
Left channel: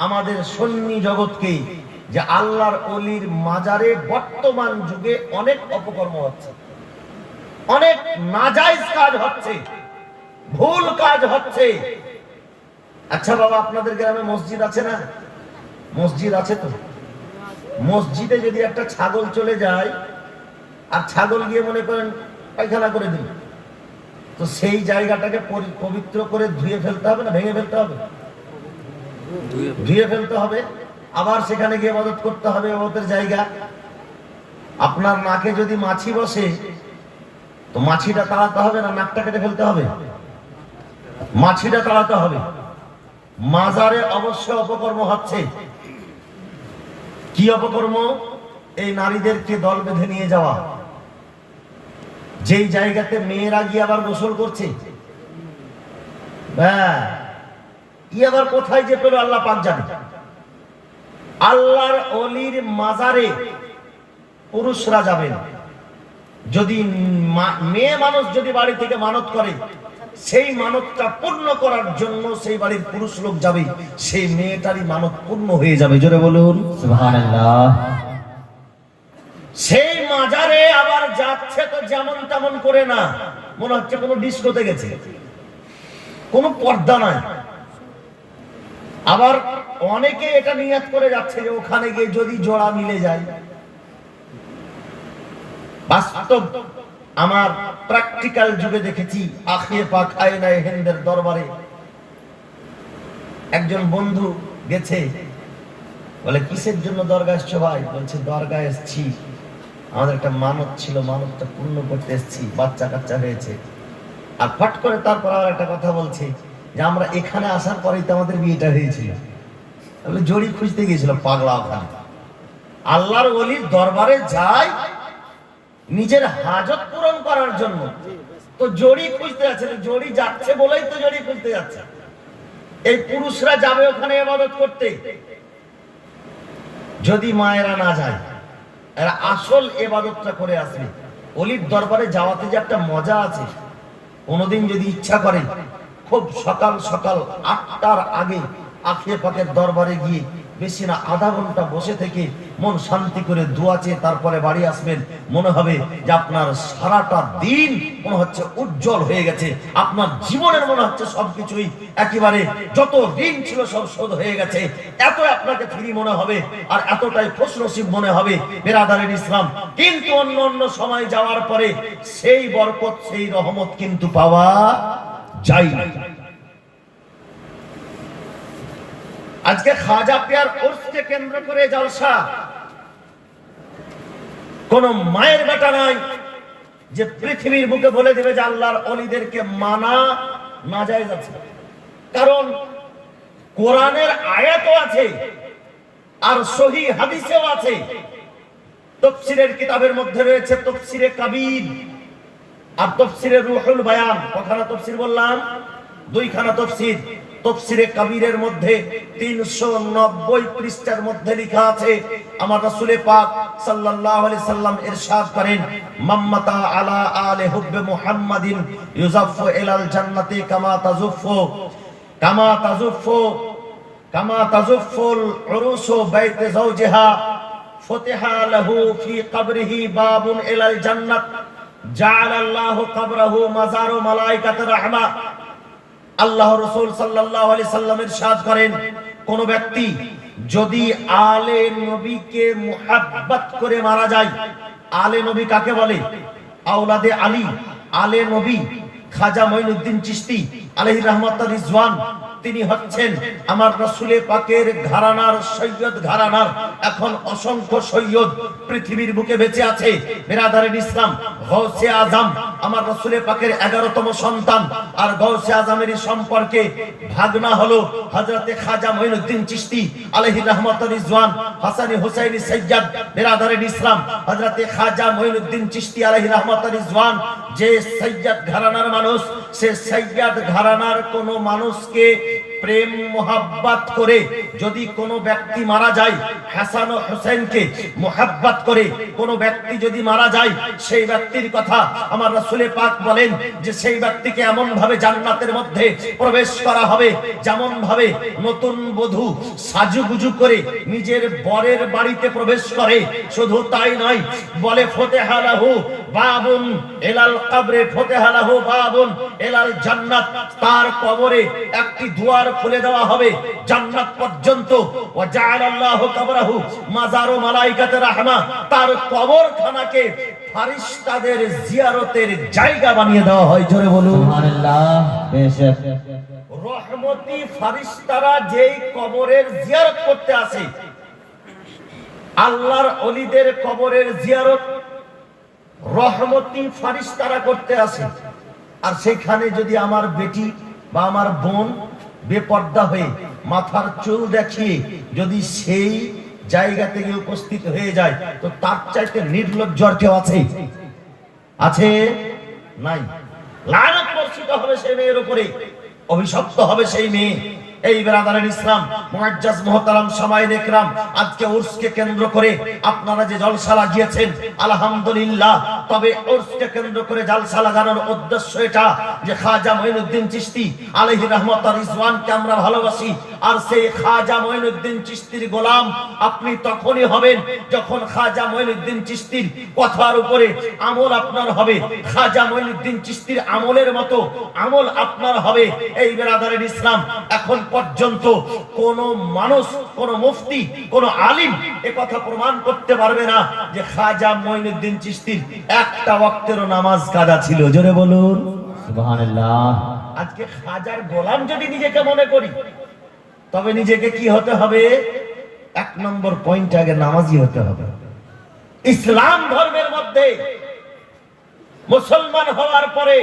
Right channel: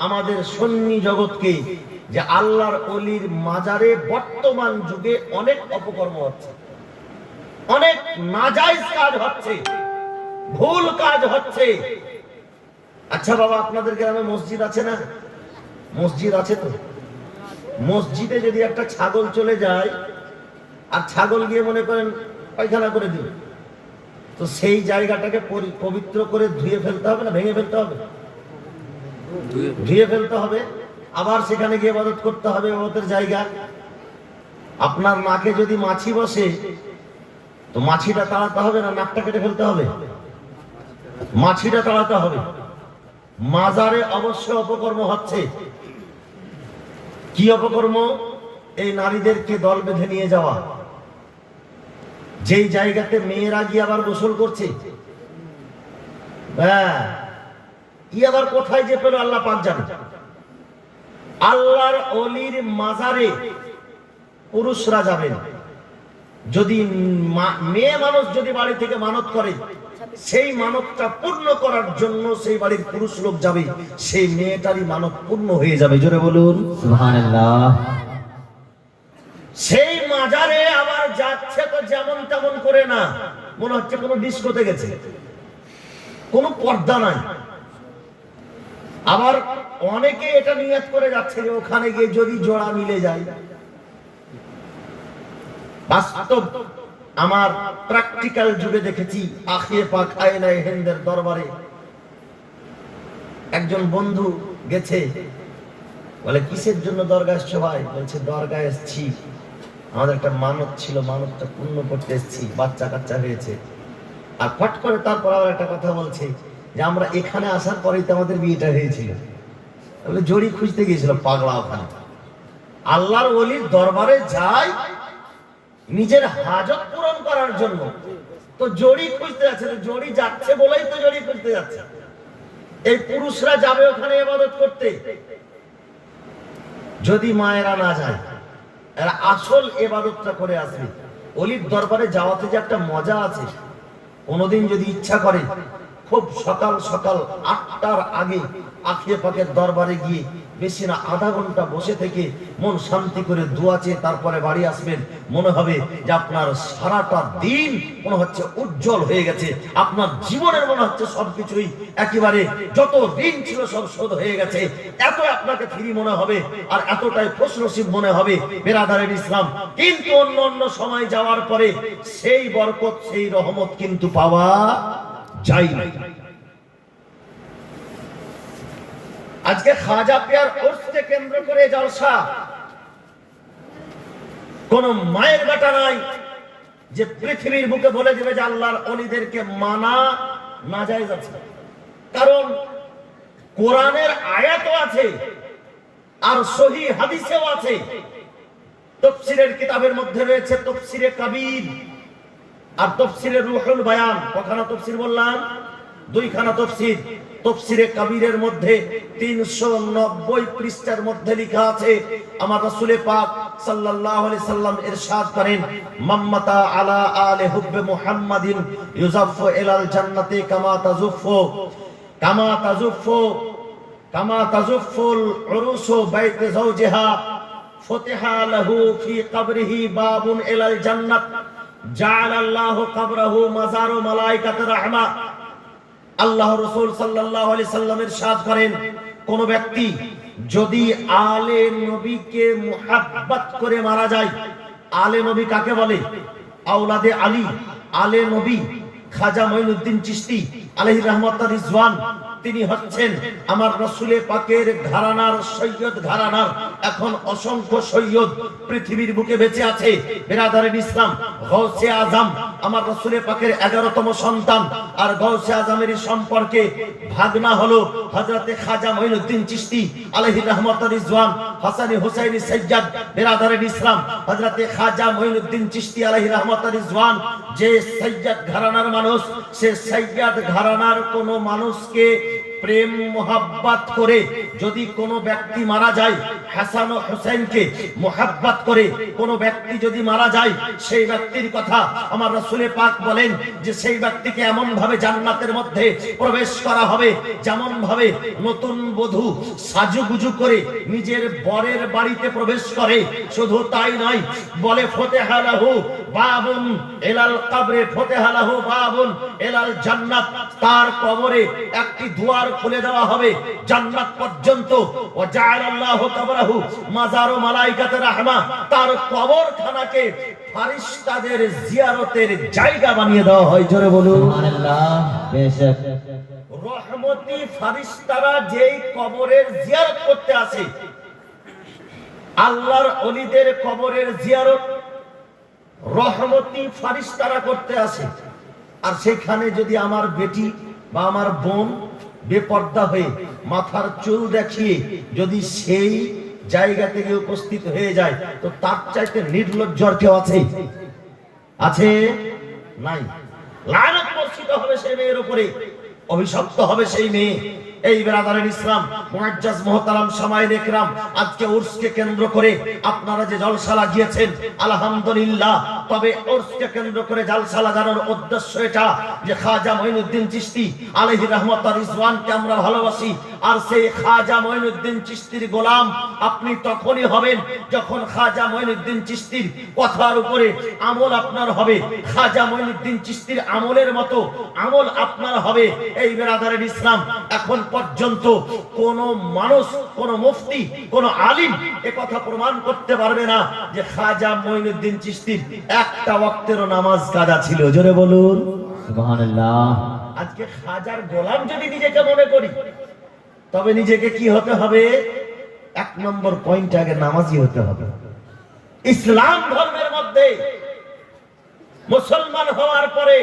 আমাদের সুন্নি জগৎকে যে আল্লাহর ওলির মাজারে বর্তমান যুগে অনেক অপকর্ম হচ্ছে, অনেক নাজায়েজ কাজ হচ্ছে, ভুল কাজ হচ্ছে। আচ্ছা বাবা, আপনাদের গ্রামে মসজিদ আছে না? মসজিদ আছে তো? মসজিদে যদি একটা ছাগল চলে যায় আর ছাগল গিয়ে মনে করেন পায়খানা করে দিল, তো সেই জায়গাটাকে পবিত্র করে ধুয়ে ফেলতে হবে না ভেঙে ফেলতে হবে? ধুয়ে ফেলতে হবে, আবার সেখানে গিয়ে ইবাদত করতে হবে, ইবাদতের জায়গা। আপনার নাকে যদি মাছি বসে, তো মাছিটা তাড়াতে হবে না নাকটা কেটে ফেলতে হবে? মাছিটা তাড়াতে হবে। মাজারে অবশ্য অপকর্ম হচ্ছে। কি অপকর্ম? এই নারীদেরকে দল বেঁধে নিয়ে যাওয়া, যেই জায়গাতে মেয়েরা গিয়ে আবার গোসল করছে। আবার কোথায় যে পেল আল্লাহ পাক জানে। আল্লাহর ওলির মাজারে পুরুষরা যাবেন। যদি মেয়ে মানুষ যদি বাড়ি থেকে মানত করে, সেই মানতটা পূর্ণ করার জন্য সেই বাড়ির পুরুষ লোক যাবে, সেই মেয়েটারই মানত পূর্ণ হয়ে যাবে। জোরে বলুন সুবহানাল্লাহ। সেই মাজারে আবার যাচ্ছে তো যেমন তেমন করে না, মনে হচ্ছে কোনো ডিস্কোতে গেছে, কোনো পর্দা নাই। আবার অনেকে এটা নিয়ত করে যাচ্ছে যে ওখানে গিয়ে যদি জোড়া মিলে যায়। বাস্তব আমার প্র্যাকটিক্যাল যুগে দেখেছি, আখিয়ে পাক আয়নায়ে হিন্দের দরবারে একজন বন্ধু গেছে, বলে কিসের জন্য দরগা এসছো ভাই? বলছে দরগা এসছি, আমাদের একটা মানত ছিল, মানতটা পূর্ণ করতে এসছি, বাচ্চা কাচ্চা হয়েছে। আর ফট করে তারপর আবার একটা কথা বলছে যে আমরা এখানে আসার পরেই তো আমাদের বিয়েটা হয়েছিল। জড়ি খুঁজতে গিয়েছিল পাগলা ওখানে। আল্লাহর ওলির দরবারে যায় নিজের হাজত পূরণ করার জন্য, তো জড়ি খুঁজতে যাচ্ছে। জড়ি যাচ্ছে বলেই তো জড়ি খুঁজতে যাচ্ছে। এই পুরুষরা যাবে ওখানে ইবাদত করতে, যদি মায়েরা না যায়, এরা আসল ইবাদতটা করে আসবে। ওলির দরবারে যাওয়াতে যে একটা মজা আছে, কোনদিন যদি ইচ্ছা করে খুব সকাল সকাল 8টার আগে আখিয়ে পাকের দরবারে গিয়ে বেশি না আধা ঘন্টা বসে থেকে মন শান্তি করে দোয়া চেয়ে তারপরে বাড়ি আসবেন, মনে হবে যে আপনার সারাটা দিন মনে হচ্ছে উজ্জ্বল হয়ে গেছে, আপনার জীবনের মনে হচ্ছে সবকিছুই একেবারে যত ঋণ ছিল সব শোধ হয়ে গেছে, এত আপনাকে ফ্রি মনে হবে আর এতটাই খুশনসিব মনে হবে বেরাদারের ইসলাম। কিন্তু অন্য অন্য সময় যাওয়ার পরে সেই বরকত সেই রহমত কিন্তু পাওয়া যায় না। আজকে খাজা পিয়ার উর্সকে কেন্দ্র করে জলসা, কোন মায়ের বেটা নাই যে পৃথিবীর বুকে বলে দেবে যে আল্লাহর ওলিদেরকে মানা নাজায়েজ আছে, কারণ কোরআনের আয়াতও আছে আর সহিহ হাদিসেও আছে। তাফসীরের কিতাবের মধ্যে রয়েছে তাফসীরে কাবীর আর তাফসীরে রুহুল বায়ান। কখানা তাফসীর বললাম? দুইখানা তাফসীর। তাফসীরে কাবীরের মধ্যে 390 পৃষ্ঠার মধ্যে লেখা আছে, আমার রাসূল পাক সাল্লাল্লাহু আলাইহি সাল্লাম ইরশাদ করেন, মাম্মাতা আলা আলি হুব্বে মুহাম্মাদিন ইউজাফু ইলাল জান্নাতি কামা তাজুফুল উরুসু বাইতি যাওজিহা ফুতিহা লাহু ফি কবরিহি বাবুন ইলাল জান্নাত জাআলাল্লাহু কবরাহু মাজারু মালায়েকাতির রাহমা। আল্লাহ রাসূল সাল্লাল্লাহু আলাইহি সাল্লাম ইরশাদ করেন, কোন ব্যক্তি যদি আলে নবীকে মুহাব্বত করে মারা যায়, আলে নবী কাকে বলে? আওলাদে আলী, আলে নবী খাজা মঈনুদ্দিন চিশতি আলাইহির রাহমাতুর রিজওয়ান, তিনি হচ্ছেন আমার রাসূল পাকের ঘরানার সৈয়দ ঘরানার। এখন অসংখ্য সৈয়দ পৃথিবীর বুকে বেঁচে আছে বিরাদারিন ইসলাম। গৌসে আজম আমার রাসূল পাকের 11তম সন্তান, আর গৌসে আজমের সম্পর্কে ভাগনা হলো হযরতে খাজা মঈনুদ্দিন চিশতি আলাইহির রাহমাতুর রিজওয়ান। হাসানি হুসাইনি সৈয়দ বিরাদারিন ইসলাম, হযরতে খাজা মঈনুদ্দিন চিশতি আলাইহির রাহমাতুর রিজওয়ান যে সৈয়দ ঘরানার মানুষ, সে সৈয়দ ঘরানার কোন মানুষকে প্রেম মোহাব্বত করে যদি কোনো ব্যক্তি মারা যায়, হাসান ও হুসাইনকে মোহাব্বত করে কোনো ব্যক্তি যদি মারা যায়, সেই ব্যক্তির কথা আমার রাসূল পাক বলেন যে সেই ব্যক্তিকে এমন ভাবে জান্নাতের মধ্যে প্রবেশ করা হবে যেমন ভাবে নতুন বধূ সাজুগুজু করে নিজের বরের বাড়িতে প্রবেশ করে। শুধু তাই নয়, বলে ফুতিহা লাহু বাবুন ইলাল কবরে ফুতিহা লাহু বাবুন ইলাল জান্নাত, তার কবরে একটি দুয়ার খুলে দেওয়া হবে জান্নাত পর্যন্ত। ওয়া জাআলাল্লাহু কবরাহু মাজারু মালায়েকাতির রাহমা, তার কবরখানাকে ফেরেশতাদের জিয়ারতের জায়গা বানিয়ে দেওয়া হয়। জোরে বলুন সুবহানাল্লাহ। বেশক রহমতি ফেরেশতারা যেই কবরের জিয়ারত করতে আসে, আল্লাহর ওলিদের কবরের জিয়ারত রহমতি ফেরেশতারা করতে আসে। আর সেখানে যদি আমার বেটি বা আমার বোন বেপর্দা হয়ে মাথার চুল দেখিয়ে যদি সেই জায়গা থেকে উপস্থিত হয়ে যায়, তো তার চাইতে নির্লজ্জ আর কেউ আছে? আছে? নাই। লানত বর্ষিত হবে সেই মেয়ের উপরে, অভিশপ্ত হবে সেই মেয়ে। এই বিরাদারিন ইসলাম মুআজ্জাজ মুহতারাম সামায়েন ইকরাম, আজকে উরসকে কেন্দ্র করে আপনারা যে জলসা লাগিয়েছেন আলহামদুলিল্লাহ, তবে উরসকে কেন্দ্র করে জলসা লাগানোর উদ্দেশ্য এটা যে খাজা মঈনুদ্দিন চিশতি আলাইহির রাহমাতুর রিজওয়ানকে আমরা ভালোবাসি, আর সেই খাজা মঈনুদ্দিন চিশতির গোলাম আপনি তখনই হবেন যখন খাজা মঈনুদ্দিন চিশতির কথার উপরে আমল আপনার হবে, খাজা মঈনুদ্দিন চিশতির আমলের মতো আমল আপনার হবে। এই বিরাদারিন ইসলাম, এখন পর্যন্ত কোন মানুষ, কোন মুফতি, কোন আলিম একথা প্রমাণ করতে পারবে না যে খাজা মঈনুদ্দিন চিশতির একটা ওয়াক্তেরও নামাজ কাজা ছিল। জোরে বলুন সুবহানাল্লাহ। আজকে খাজার গোলাম যদি নিজেকে মনে করি, তবে নিজেকে কি হতে হবে? 1 নম্বর পয়েন্ট, আগে নামাজি হতে হবে। ইসলাম ধর্মের মধ্যে মুসলমান হওয়ার পরে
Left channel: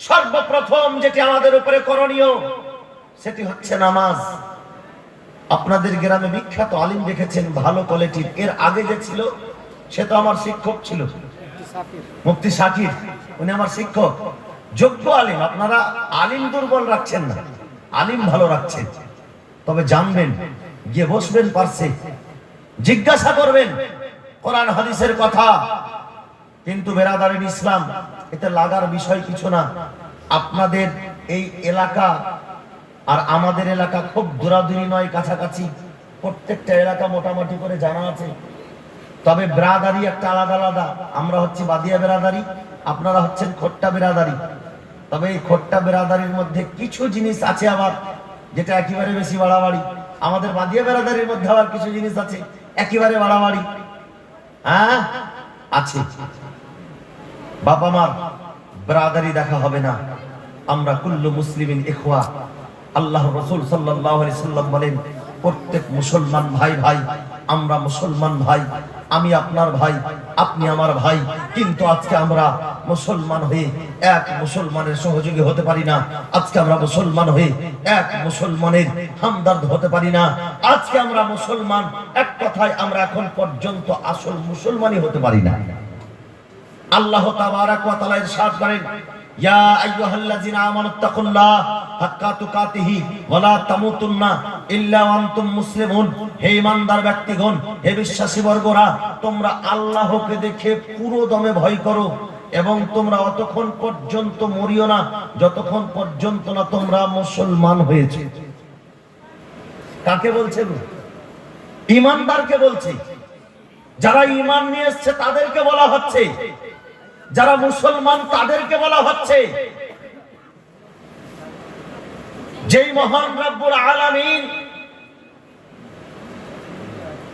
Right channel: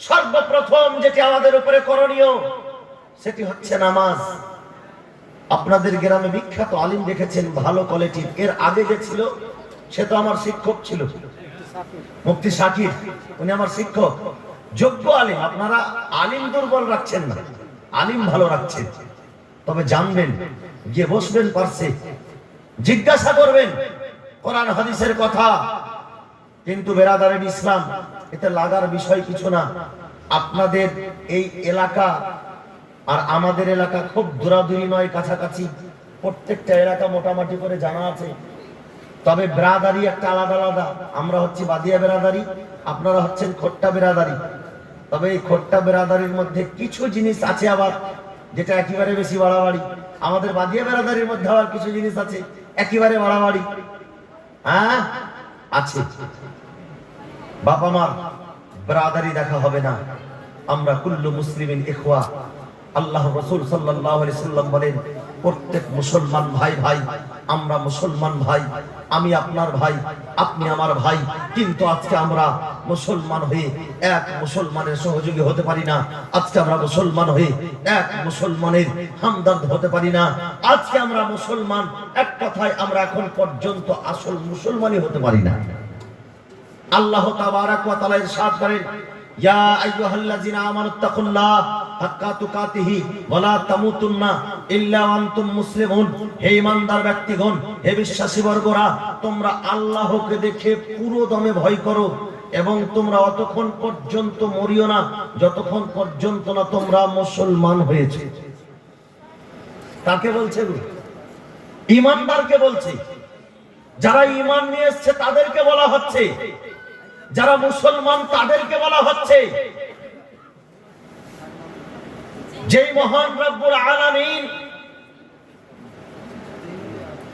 সর্বপ্রথম যেটি আমাদের উপরে করণীয় সেটি হচ্ছে নামাজ। আপনাদের গ্রামে বিখ্যাত আলিম দেখেছেন ভালো কোয়ালিটির, এর আগে যে ছিল সে তো আমার শিক্ষক ছিল, মুফতি শাকির, উনি আমার শিক্ষক, যোগ্য আলিম। আপনারা আলিম দুর্বল রাখছেন না, আলিম ভালো রাখছেন। তবে জানবেন, গিয়ে বসবেন পারছে, জিজ্ঞাসা করবেন কোরআন হাদিসের কথা। কিন্তু বেরাদারিন ইসলাম, এতে লাগার বিষয় কিছু না। আপনাদের এই এলাকা আর আমাদের এলাকা খুব দূরাদূরি নয়, কাছাকাছি, প্রত্যেকটা এলাকা মোটামুটি করে জানা আছে। তবে ব্রাদারি একটা আলাদা আলাদা। আমরা হচ্ছি বাদিয়া ব্রাদারি, আপনারা হচ্ছেন খোট্টা ব্রাদারি। তবে এই খোট্টা ব্রাদারির মধ্যে কিছু জিনিস আছে আবার যেটা একেবারে বেশি বাড়াবাড়ি। আমাদের বাদিয়া ব্রাদারির মধ্যে আবার কিছু জিনিস আছে একেবারে বাড়াবাড়ি। হ্যাঁ আছে। বাবা মার ব্রাদারি দেখা হবে না। আমরা কুল্লু মুসলিমিন ইখওয়া। আল্লাহ রাসূল সাল্লাল্লাহু আলাইহি সাল্লাম বলেন, প্রত্যেক মুসলমান ভাই ভাই। আমরা মুসলমান ভাই, আমি আপনার ভাই, আপনি আমার ভাই। কিন্তু আজকে আমরা মুসলমান হয়ে এক মুসলমানের সহযোগী হতে পারি না। আজকে আমরা মুসলমান হয়ে এক মুসলমানের হামদর্দ হতে পারি না। আজকে আমরা মুসলমান, এক কথায় আমরা এখন পর্যন্ত আসল মুসলমানই হতে পারি না। আল্লাহ তাবারাক ওয়া তাআলা ইরশাদ করেন, ইয়া আইয়ুহাল্লাযিনা আমানুত্তাকুল্লাহ হাক্কা তুকাতিহি ওয়া লা তামুতুন্না ইল্লা ওয়া আনতুম মুসলিমুন। হে ঈমানদার ব্যক্তিগণ, হে বিশ্বাসী বর্গরা, তোমরা আল্লাহকে দেখে পুরো দমে ভয় করো এবং তোমরা অতক্ষণ পর্যন্ত মরিও না যতক্ষণ পর্যন্ত না তোমরা মুসলমান হয়েছে। কাকে বলছে গো? ঈমানদারকে বলছে। যারা ঈমান নিয়ে এসেছে তাদেরকে বলা হচ্ছে, যারা মুসলমান তাদেরকে বলা হচ্ছে। যেই মহান রব্বুল আলামিন,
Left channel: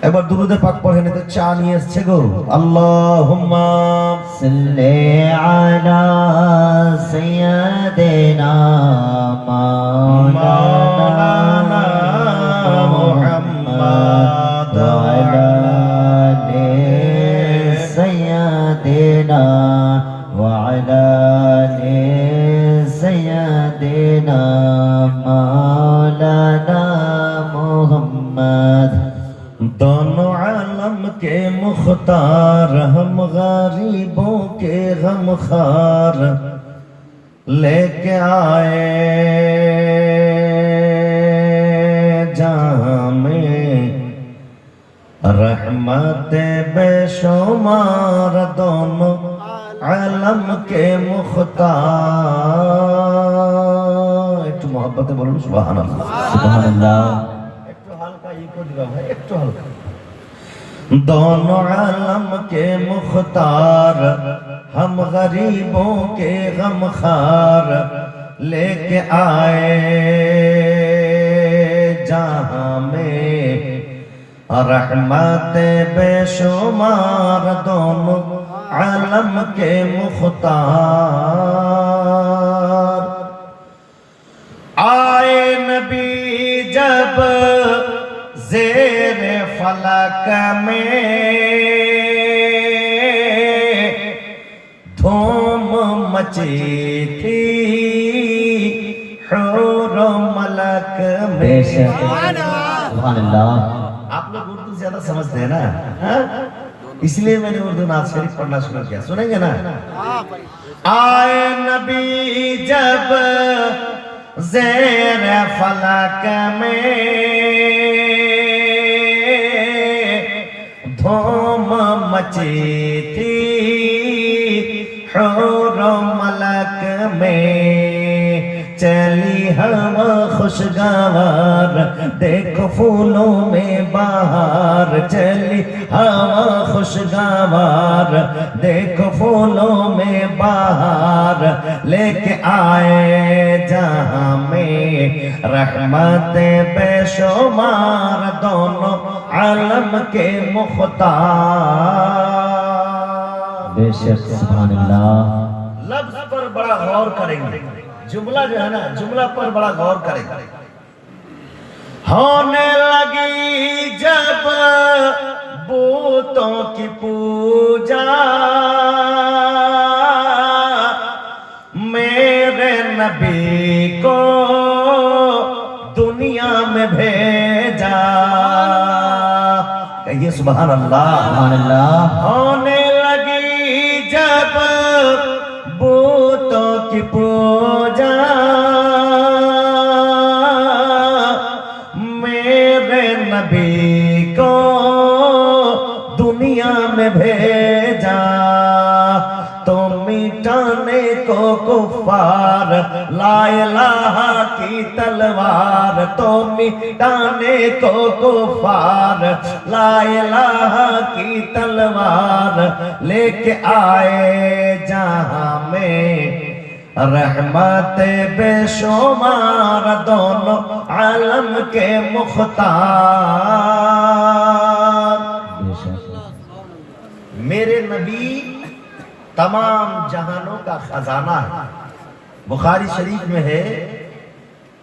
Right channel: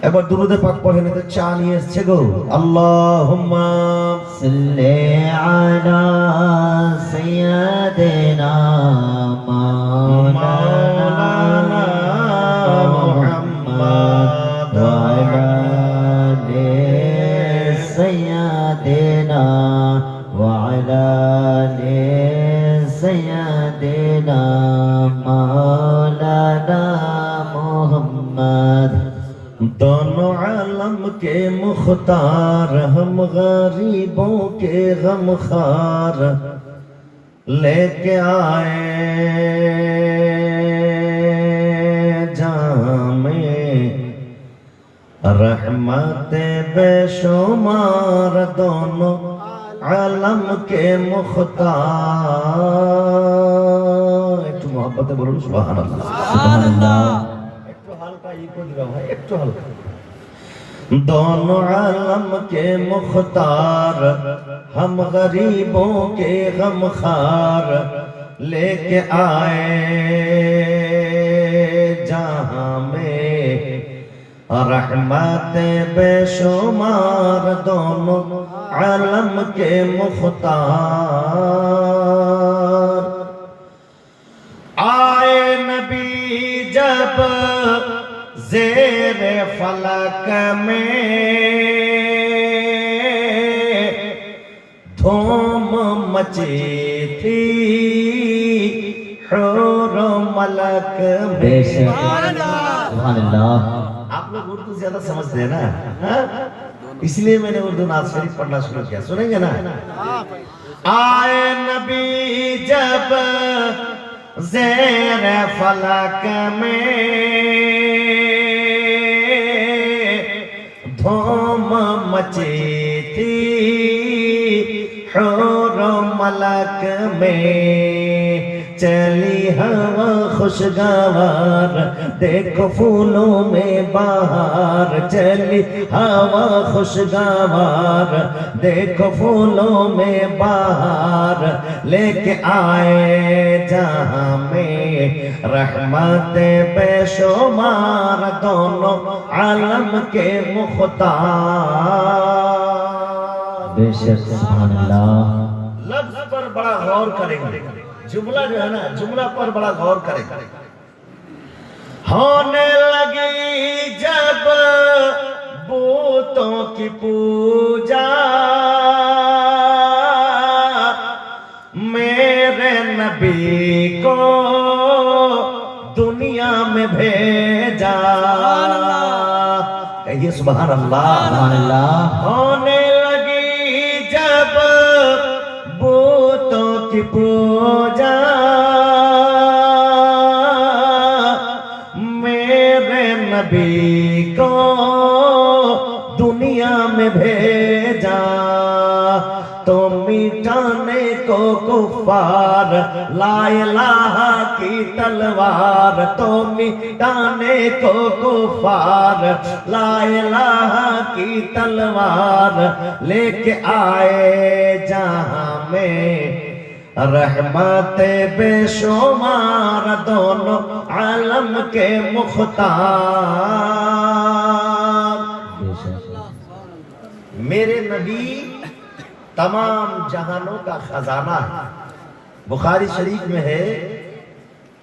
এবার দুরূদে পাক পড়েন, এতে চা নিয়ে এসেছে গো। আল্লাহুম্মা সাল্লি আলা সাইয়্যিদিনা মাওলানা মুহাম্মদ ওয়া আলা আলি সাইয়্যিদিনা ওয়া আলা আলি সাইয়্যিদিনা মাওলানা মুহাম্মদ। दोनों आलम के मुख्तार, हम गरीबों के गमखार, लेके आए जामे रहमत बेशुमार। दोनों आलम के मुख्तार। एक मोहब्बत बोलो सुभान अल्लाह, सुभान अल्लाह। একটু হালকা। दोनों आलम के मुख्तार, हम गरीबों के गमखार, लेके आए जहां में रहमत बेशुमार। दोनों आलम के मुख्तार। आए नबी जब ज़ेरे फलक में, धूम मची थी हुर मलक में। सुभान अल्लाह। आप लोग उर्दू ज्यादा समझते हैं ना, इसलिए मैंने उर्दू नात शरीफ पढ़ना शुरू किया। सुनेंगे ना? आए नबी जब ज़ेरे फलक में, धूम मची थी हुर मलक में। चली हवा खुशगवार, देखो फूलों में बहार। चली हवा खुशगवार, देखो फूलों में बहार, लेके आए जहां में रहमत बेशुमार। दोनों आलम के मुख्तार। बेशक सुभान अल्लाह। लफ्ज पर बड़ा गौर करेंगे, जुमला जो है ना, जुमला पर बड़ा गौर करेंगे। होने लगी जब बूतों की पूजा, मेरे नबी को दुनिया में भेजा। कहिए सुभान अल्लाह, सुभान अल्लाह। होने लगी जब बूतों की पूजा, मेरे नबी को दुनिया में भेजा। तो मिटाने को कुफ्फार ला इलाहा की तलवार। तलवार तो मिटाने को कुफार ला इलाहा की तलवार लेके आए जहां में रहमत बेशुमार दोनों आलम के मुख्तार। मेरे नबी तमाम जहानों का खजाना है। बुखारी शरीफ में है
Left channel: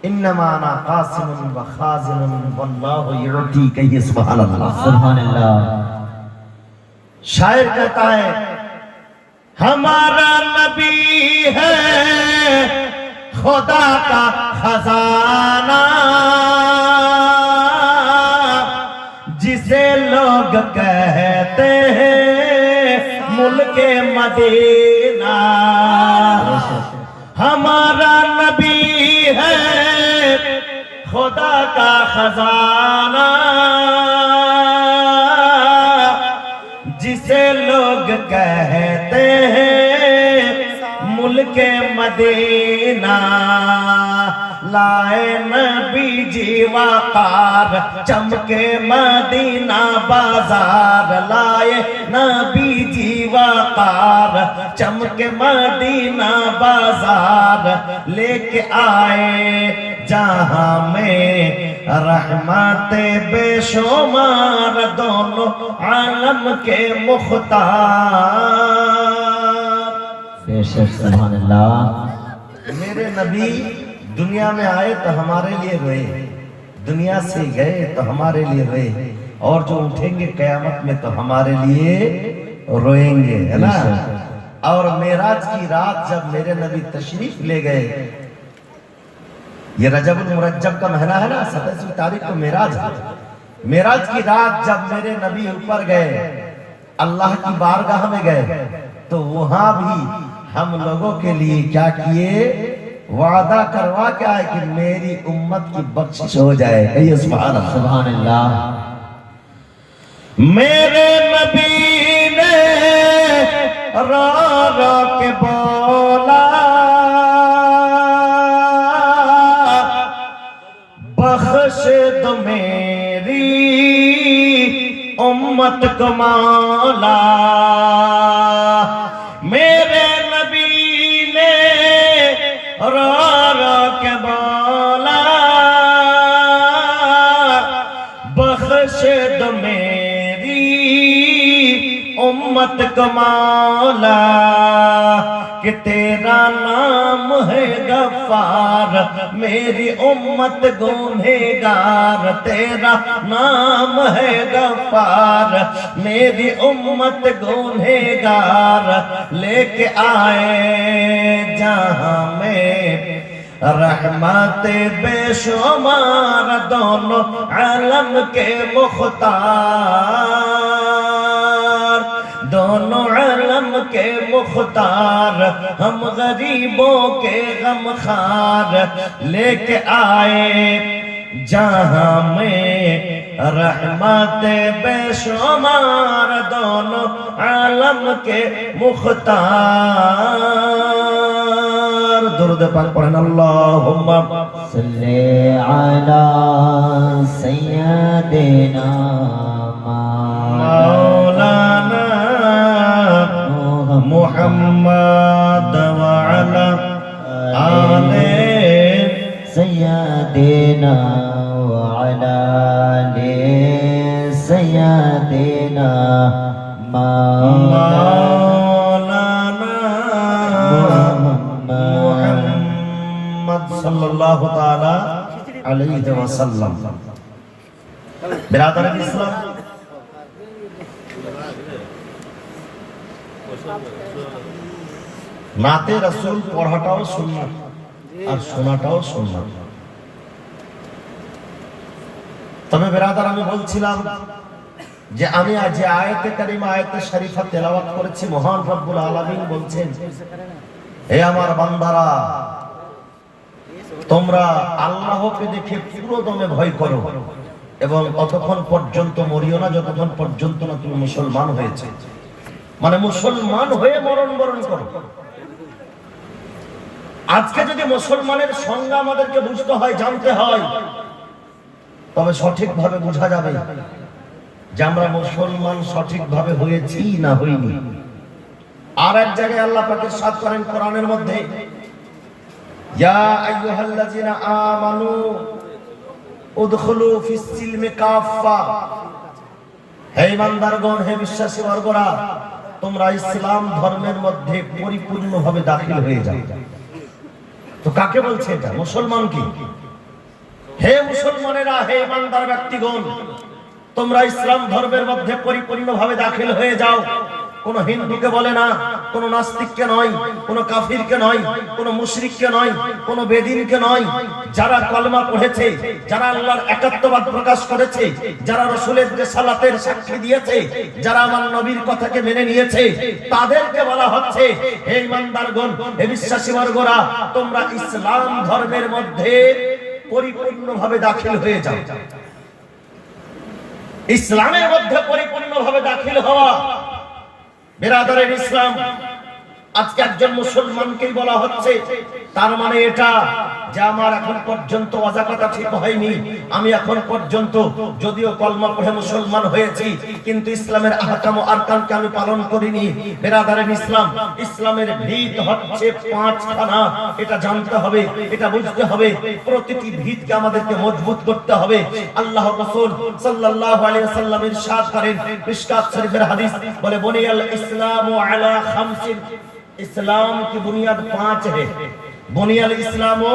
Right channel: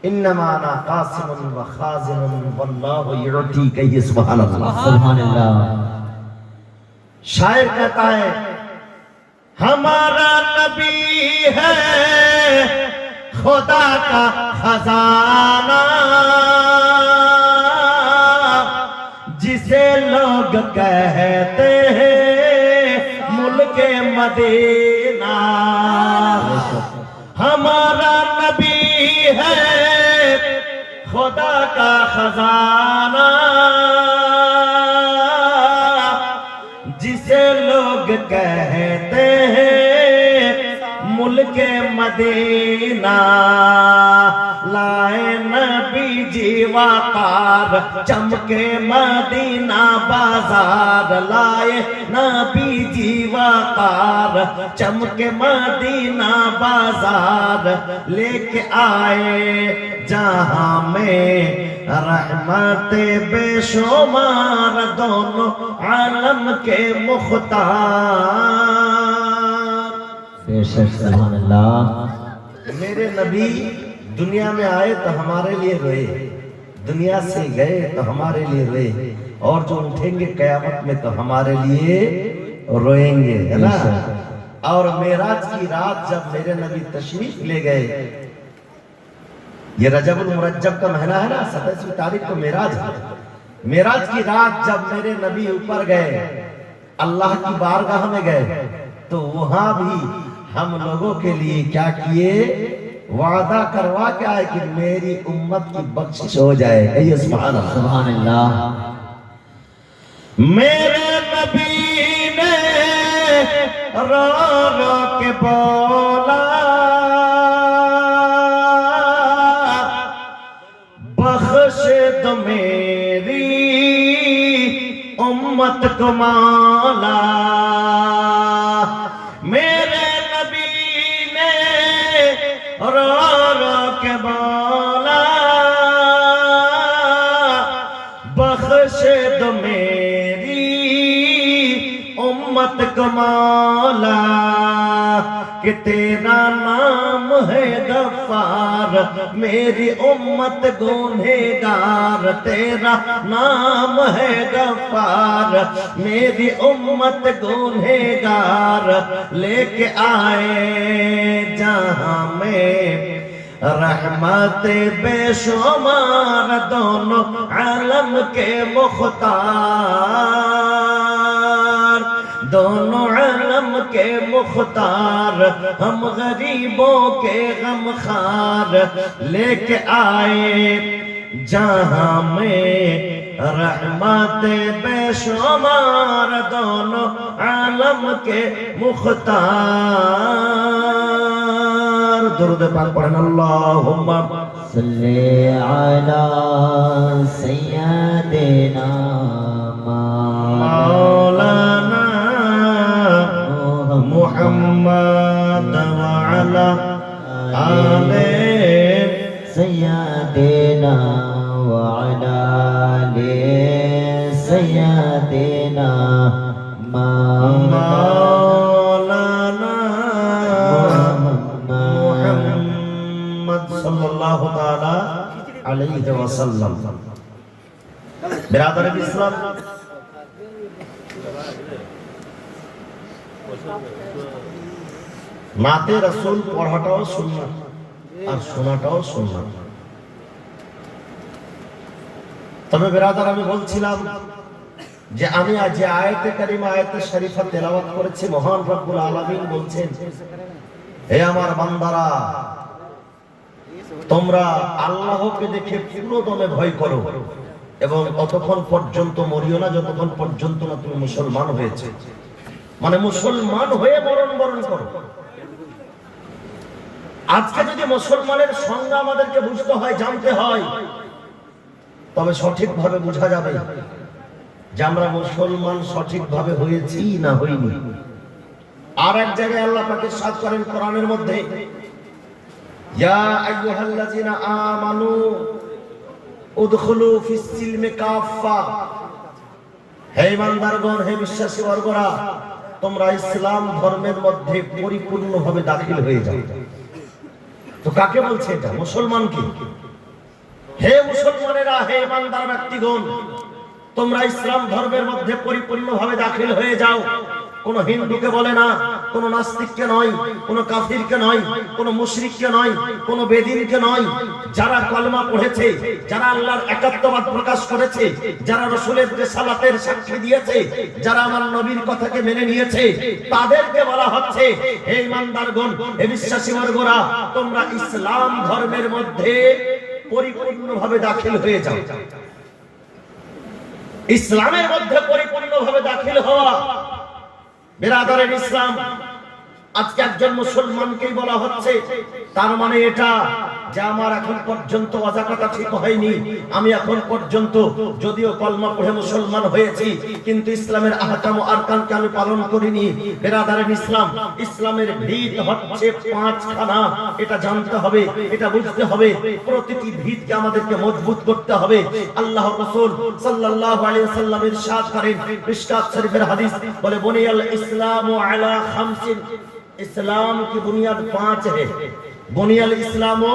इन्नमा अना कासिमुन व खाजिनुन वल्लाहु युती कहिए सुभान अल्लाह। सुभान अल्लाह। शायर कहता है हमारा नबी है खुदा का खजाना जिसे लोग कहते हैं मुल्के मदीना। हमारा नबी है खुदा का खजाना जिसे लोग कहते हैं मुल्के मदीना। लाए नबी जीवाकार चमके मदीना बाजार। लाए नबी जीवाकार चमके मदीना बाजार लेके आए जहां में रहमत बेशुमार दोनों आलम के मुख्तार। सुभान अल्लाह। मेरे नबी दुनिया में आए तो हमारे लिए रोए, दुनिया से गए तो हमारे लिए रोए, और जो उठेंगे कयामत में तो हमारे लिए रोएंगे, है ना। और मेराज की रात जब मेरे नबी तशरीफ ले गए, ये रजबुल मुरज्जब का महीना है ना, 27वीं तारीख को मेराज है। मेराज की रात जब मेरे नबी ऊपर गए, अल्लाह की बारगाह में गए, तो वहां भी हम लोगों के लिए क्या किए, वादा करवा के आए कि मेरी उम्मत की बख्शिश हो जाए। कहिए सुभान अल्लाह। सुभान अल्लाह। मेरे नबी ने रो रो के बोला बख्श दो मेरी उम्मत को मौला। मेरे नबी ने रो रो के बोला बख्श दो मेरी उम्मत को मौला कि तेरा नाम है गफ्फार मेरी उम्मत गुनहगार। तेरा नाम है गफ्फार मेरी उम्मत गुनहगार लेके आए जहां में रहमत बेशुमार दोनों आलम के मुख्तार। दोनों आलम के मुख्तार हम गरीबों के गमखार लेके आए जहां में रहमत बेशुमार दोनों आलम के मुख्तार। दुरूद पाक पढ़ें अल्लाहुम्मा सल्ली अला सय्यदिना मौलाना मुहम्मद व अला आले सय्यदिना व अला आले सय्यदिना मौलाना मुहम्मद सल्लल्लाहु ताला अलैहि वसल्लम। बिरादर इस्लाम, नाते रसूल पढ़ाटाও सुन्नत আর শোনাটাও সুন্নাত। তবে বিরাদার আমি বলছিলাম যে আমি আজ যে আয়াতে কারিমা আয়াতে শরীফা তেলাওয়াত করেছি, মহান রব্বুল আলামিন বলছেন হে আমার বান্দারা তোমরা আল্লাহকে দেখে পুরো দমে ভয় করো এবং ততক্ষণ পর্যন্ত মরিও না যতক্ষণ পর্যন্ত না তুমি মুসলমান হয়েছে। মানে মুসলমান হয়ে মরণ বরণ করো। আজকে যদি মুসলমানের সংজ্ঞা আমাদেরকে বুঝতে হয়, জানতে হয়, তবে সঠিকভাবে বোঝা যাবে যে আমরা মুসলমান সঠিকভাবে হয়েছি না হইনি। আর এক জায়গায় আল্লাহ পাক ইরশাদ করেন কোরআনের মধ্যে, ইয়া আইয়ুহাল্লাযিনা আমানু উদখুলু ফিস সিলমি কাফা, হে ঈমানদারগণ, হে বিশ্বাসী বর্গরা, তোমরা ইসলাম ধর্মের মধ্যে পরিপূর্ণভাবে দাখিল হয়ে যাও। তো কাকে বলছে এটা? মুসলমান কি? হে মুসলমানেরা, হে ঈমানদার ব্যক্তিগণ, তোমরা ইসলাম ধর্মের মধ্যে পরিপূর্ণভাবে দাখিল হয়ে যাও। কোন হিন্দুকে বলে না, কোন নাস্তিককে নয়, কোন কাফিরকে নয়, কোন মুশরিককে নয়, কোন বেদিনকে নয়। যারা কলমা পড়েছে, যারা আল্লাহর একাত্মবাদ প্রকাশ করেছে, যারা রাসূলের রিসালাতের সাক্ষী দিয়েছে, যারা আমার নবীর কথাকে মেনে নিয়েছে, তাদেরকে বলা হচ্ছে, হে ঈমানদারগণ, হে বিশ্বাসী বর্গরা, তোমরা ইসলাম ধর্মের মধ্যে পরিপূর্ণভাবে দাখিল হয়ে যাও। ইসলামের মধ্যে পরিপূর্ণভাবে দাখিল হওয়া, বিরাদারের ইসলাম, আজকে একজন মুসলমানকেই বলা হচ্ছে। তার মানে এটা যে আমার এখন পর্যন্ত ওয়াজাকাতা ঠিক হয়নি, আমি এখন পর্যন্ত যদিও কলমা পড়ে মুসলমান হয়েছি, কিন্তু ইসলামের আহকাম ও আরকানকে আমি পালন করিনি। বিরাদারের ইসলাম, ইসলামের ভিত হচ্ছে 5খানা। এটা জানতে হবে, এটা বুঝতে হবে। প্রতিটি ভিতকে আমাদেরকে মজবুত করতে হবে। আল্লাহর রাসূল সাল্লাল্লাহু আলাইহি ওয়াসাল্লাম ইরশাদ করেন, মিশকাত শরীফের হাদিস বলে, বুনিয়াল ইসলামু আলা খামসিন, इस्लाम की बुनियाद 5 है। बुनियाल इस्लामो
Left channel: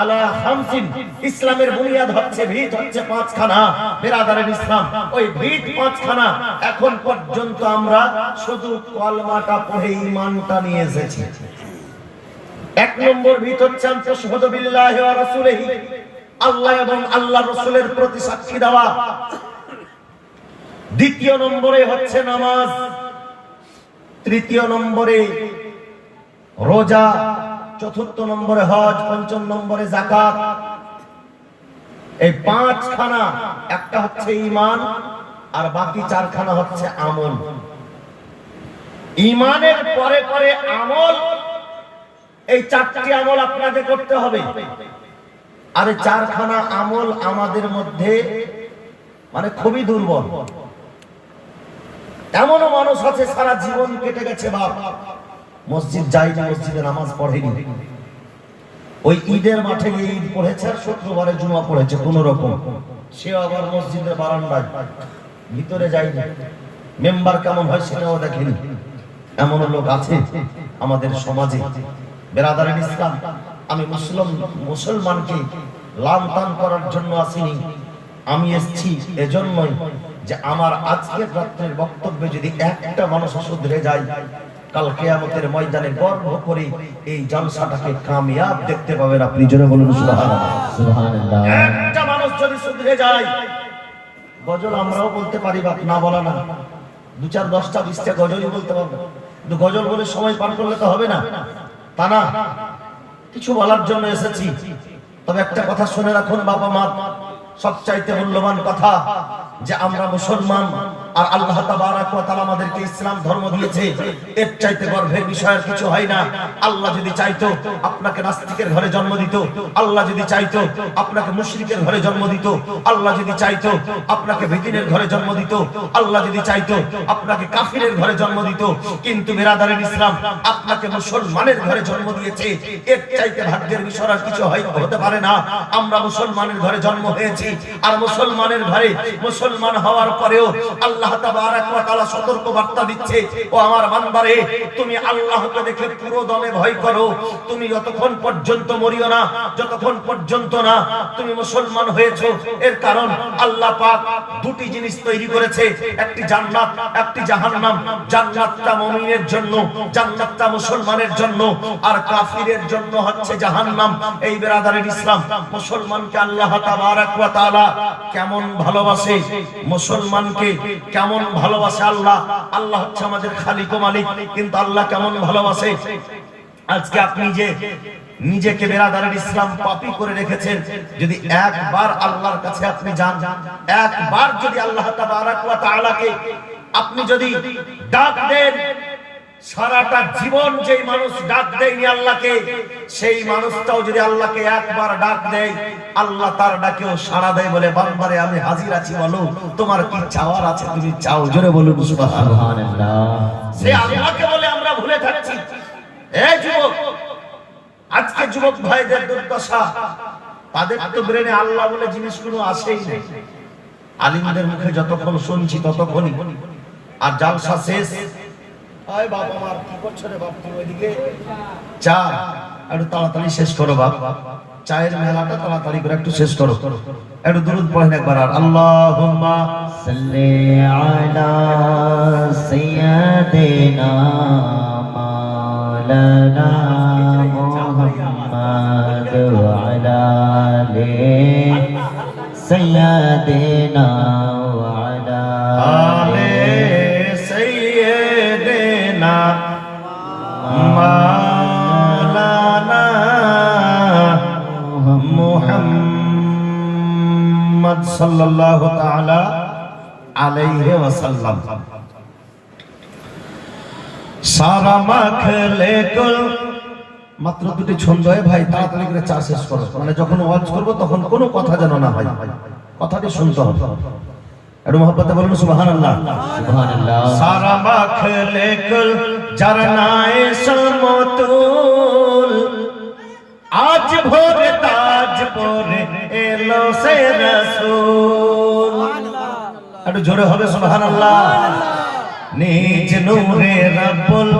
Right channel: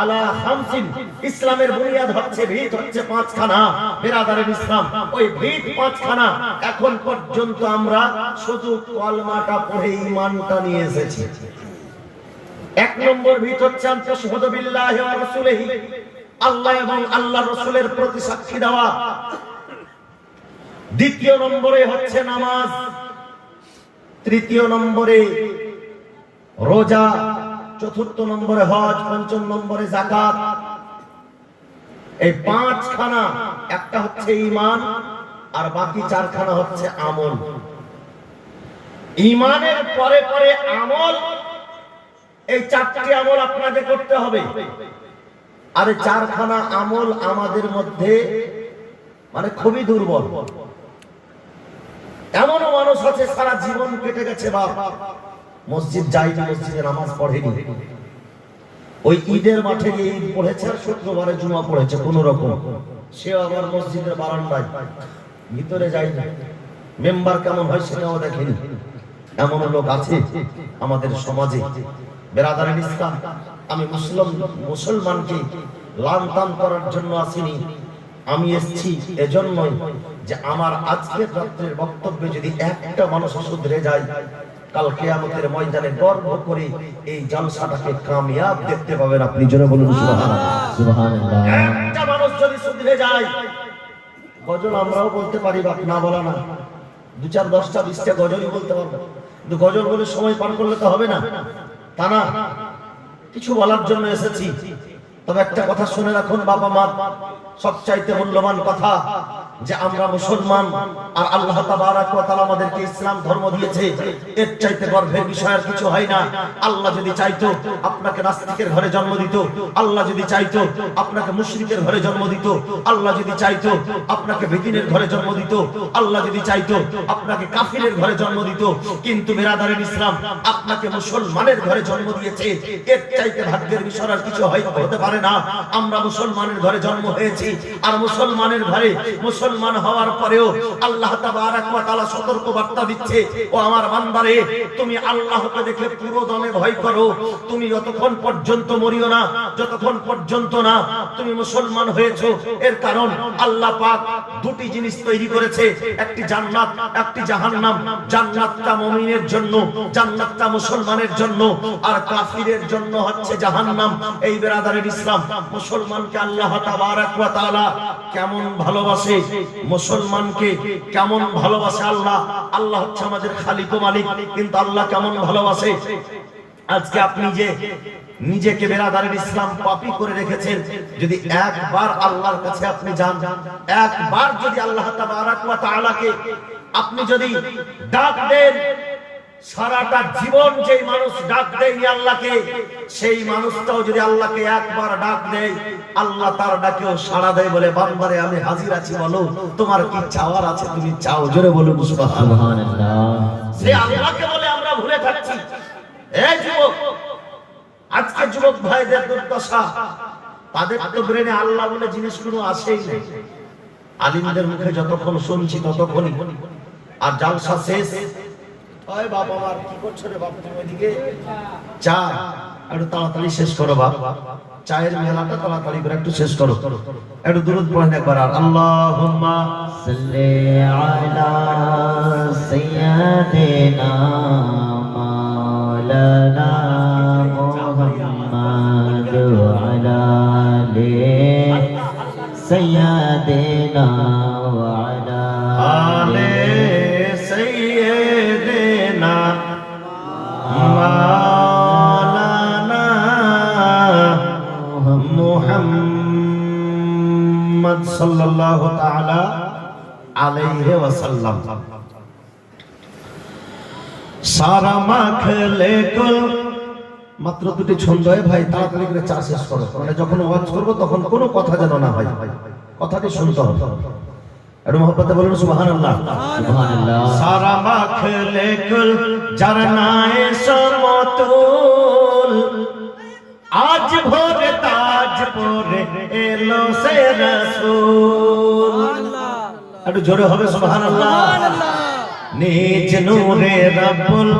আলা খামসিন, ইসলামের বুনিয়াদ হচ্ছে, ভিত হচ্ছে 5খানা। বিরাদারের ইসলাম, ওই ভিত 5খানা। এখন পর্যন্ত আমরা শুধু কলমাটা পড়ে ঈমানটা নিয়ে এসেছি। 1 নম্বর ভিত হচ্ছে আনতাশহাদু বিল্লাহি ওয়া রাসূলিহি, আল্লাহ এবং আল্লাহর রাসূলের প্রতি সাক্ষী দেওয়া। 2 নম্বরে হচ্ছে নামাজ, 3 নম্বরে রোজা, 4 নম্বরে হজ, 5 নম্বরে যাকাত। এই 5খানা, একটা হচ্ছে ঈমান আর বাকি 4খানা হচ্ছে আমল। ঈমানের পরে পরে আমল, এই 4টি আমল আপনাকে করতে হবে। আর 4খানা আমল আমাদের মধ্যে মানে খুবই দুর্বল। এমন মানুষ আছে সারা জীবন কেটে গেছে, বাপ মসজিদ যায়নি, মসজিদে নামাজ পড়েনি, ওই ঈদের মাঠে গিয়ে ঈদ পড়েছে আর শুক্রবারে জুমা পড়েছে কোন রকম। সে আবার মসজিদের বারান্দায়, ভিতরে যায়নি, মেম্বার কেমন হয় সেটাও দেখেনি। এমন লোক আছে আমাদের সমাজে। বিরাদারের ইসলাম, আমি মুসলমানকে লানতান করার জন্য আসিনি, আমি এসেছি এজন্যই যে আমার আজকের রাত্রের বক্তব্যে যদি একটা মানুষ শুধরে যায়, কাল কিয়ামতের ময়দানে গর্ব করে এই জলসাটাকে কামিয়াব দেখতে পাবেন। আপনি জোরে বলুন সুবহানাল্লাহ। সুবহানাল্লাহ। একটা মানুষ যদি শুধরে যায়, গজল আমরাও বলতে পারি, বাপ না বলা না, 2, 4, 10টা 20টা গজলই বলতে পারবো, কিন্তু গজল বলে সময় পার করলে তো হবে না, তা না। কিছু বলার জন্য এসেছি, তবে একটা কথা শুনে রাখুন বাবা মা, সবচাইতে মূল্যবান কথা যে আমরা মুসলমান আর আল্লাহ তাবারাক ওয়া তাআলা আমাদেরকে ইসলাম ধর্ম দিয়েছে, এর চাইতে গর্বের বিষয় আর কিছু হয় না। আল্লাহ যদি চাইতো আপনাকে নাস্তিকের ঘরে জন্ম দিত, আল্লাহ যদি চাইতো আপনাকে মুশরিকের ঘরে জন্ম দিত, আল্লাহ যদি চাইতো আপনাকে বেদিনের ঘরে জন্ম দিত, আল্লাহ যদি চাইতো আপনাকে কাফিরের ঘরে জন্ম দিত, কিন্তু বিরাদারের ইসলাম আপনাকে মুসলমানের ঘরে জন্ম দিয়েছে। এর চাইতে ভাগ্যের বিষয় আর কিছু হতে পারে না। আমরা মুসলমানের ঘরে জন্ম হয়েছি, আর মুসলমানের ঘরে মুসলমান হওয়ার পরেও আল্লাহ তাবারাক ওয়া তাআলা সতর্ক বার্তা দিচ্ছে, ও আমার বান্দারে, তুমি আল্লাহকে দেখে পুরো দমে ভয় করো। তুমি যতক্ষণ পর্যন্ত মরিও না, যতক্ষণ পর্যন্ত না তুমি মুসলমান হয়েছো। এর কারণ আল্লাহ পাক 2টি জিনিস তৈরি করেছে, একটি জান্নাত, একটি জাহান্নাম। জান্নাতটা মুমিনের জন্য, জান্নাতটা মুসলমানের জন্য, আর কাফিরের জন্য হচ্ছে জাহান্নাম। এই বিরাদারের ইসলাম, মুসলমানকে আল্লাহ তাবারাক ওয়া তাআলা কেমন ভালোবাসে, মুসলমানকে কেমন ভালোবাসে আল্লাহ। আল্লাহ হচ্ছে আমাদের খালিক ও মালিক, কিন্তু আল্লাহ কেমন ভালোবাসে। আজকে আপনি যে নিজেকে বিরাদারের ইসলাম পাপী করে রেখেছেন, যদি একবার আল্লাহর কাছে আপনি যান, একবার যদি আল্লাহ তাবারাক ওয়া তাআলাকে আপনি যদি ডাক দেন, সারাটা জীবন যেই মানুষ ডাক দেয়নি আল্লাহকে, সেই মানুষটাও যদি আল্লাহকে একবার ডাক দেয়, আল্লাহ তার ডাকেও সাড়া দেয়, বলে বান্দারে আমি হাজির আছি, বলো তোমার কি চাওয়ার আছে তুমি চাও। জোরে বলুন সুবহানাল্লাহ। সুবহানাল্লাহ। সে আল্লাহকে বলে আমরা ভুলে থাকছি। এই যুবক, আজকে যুবক ভাইদের দুর্দশা, তাদের তো ব্রেনে আল্লাহ বলে জিনিস কোনো আসেই না। আলিমদের মুখে যতক্ষণ শুনছি ততক্ষণই, আর জালসা শেষ, ওই বাপ আমার কি করছো রে বাপ, তুমি ওইদিকে চা একটু তাড়াতাড়ি শেষ করো বাপ, চায়ের মেলাটা তাড়াতাড়ি করে একটু শেষ করো, একটু দুরূদ পড়েন একবার। আর আল্লাহুম্মা সাল্লি আলা সাইয়্যিদিনা মাওলানা মুহাম্মদ ওয়া আলা আলি সাইয়্যিদিনা ওয়া আলা আলে সাইয়্যিদিনা মাওলানা মুহাম্মদ সাল্লাল্লাহু তাআলা আলাইহি ওয়াসাল্লাম। সারা মাখলে কুল, মাত্র দুটি ছন্দ ভাই, তাড়াতাড়ি করে চা শেষ করো, মানে যখন ওয়াজ করব তখন কোনো কথা যেন না হয়, কথাটি শুনতে হবে। একটু মহব্বতে বলুন সুবহানাল্লাহ। সুবহানাল্লাহ। সারা মাখলে কুল জারনায়ে সমতুল, আজ ভোরে তাজ পরে এলো সে রাসূল। একটু জোরে হবে সুবহানাল্লাহ। নিজ নূরে রাব্বুল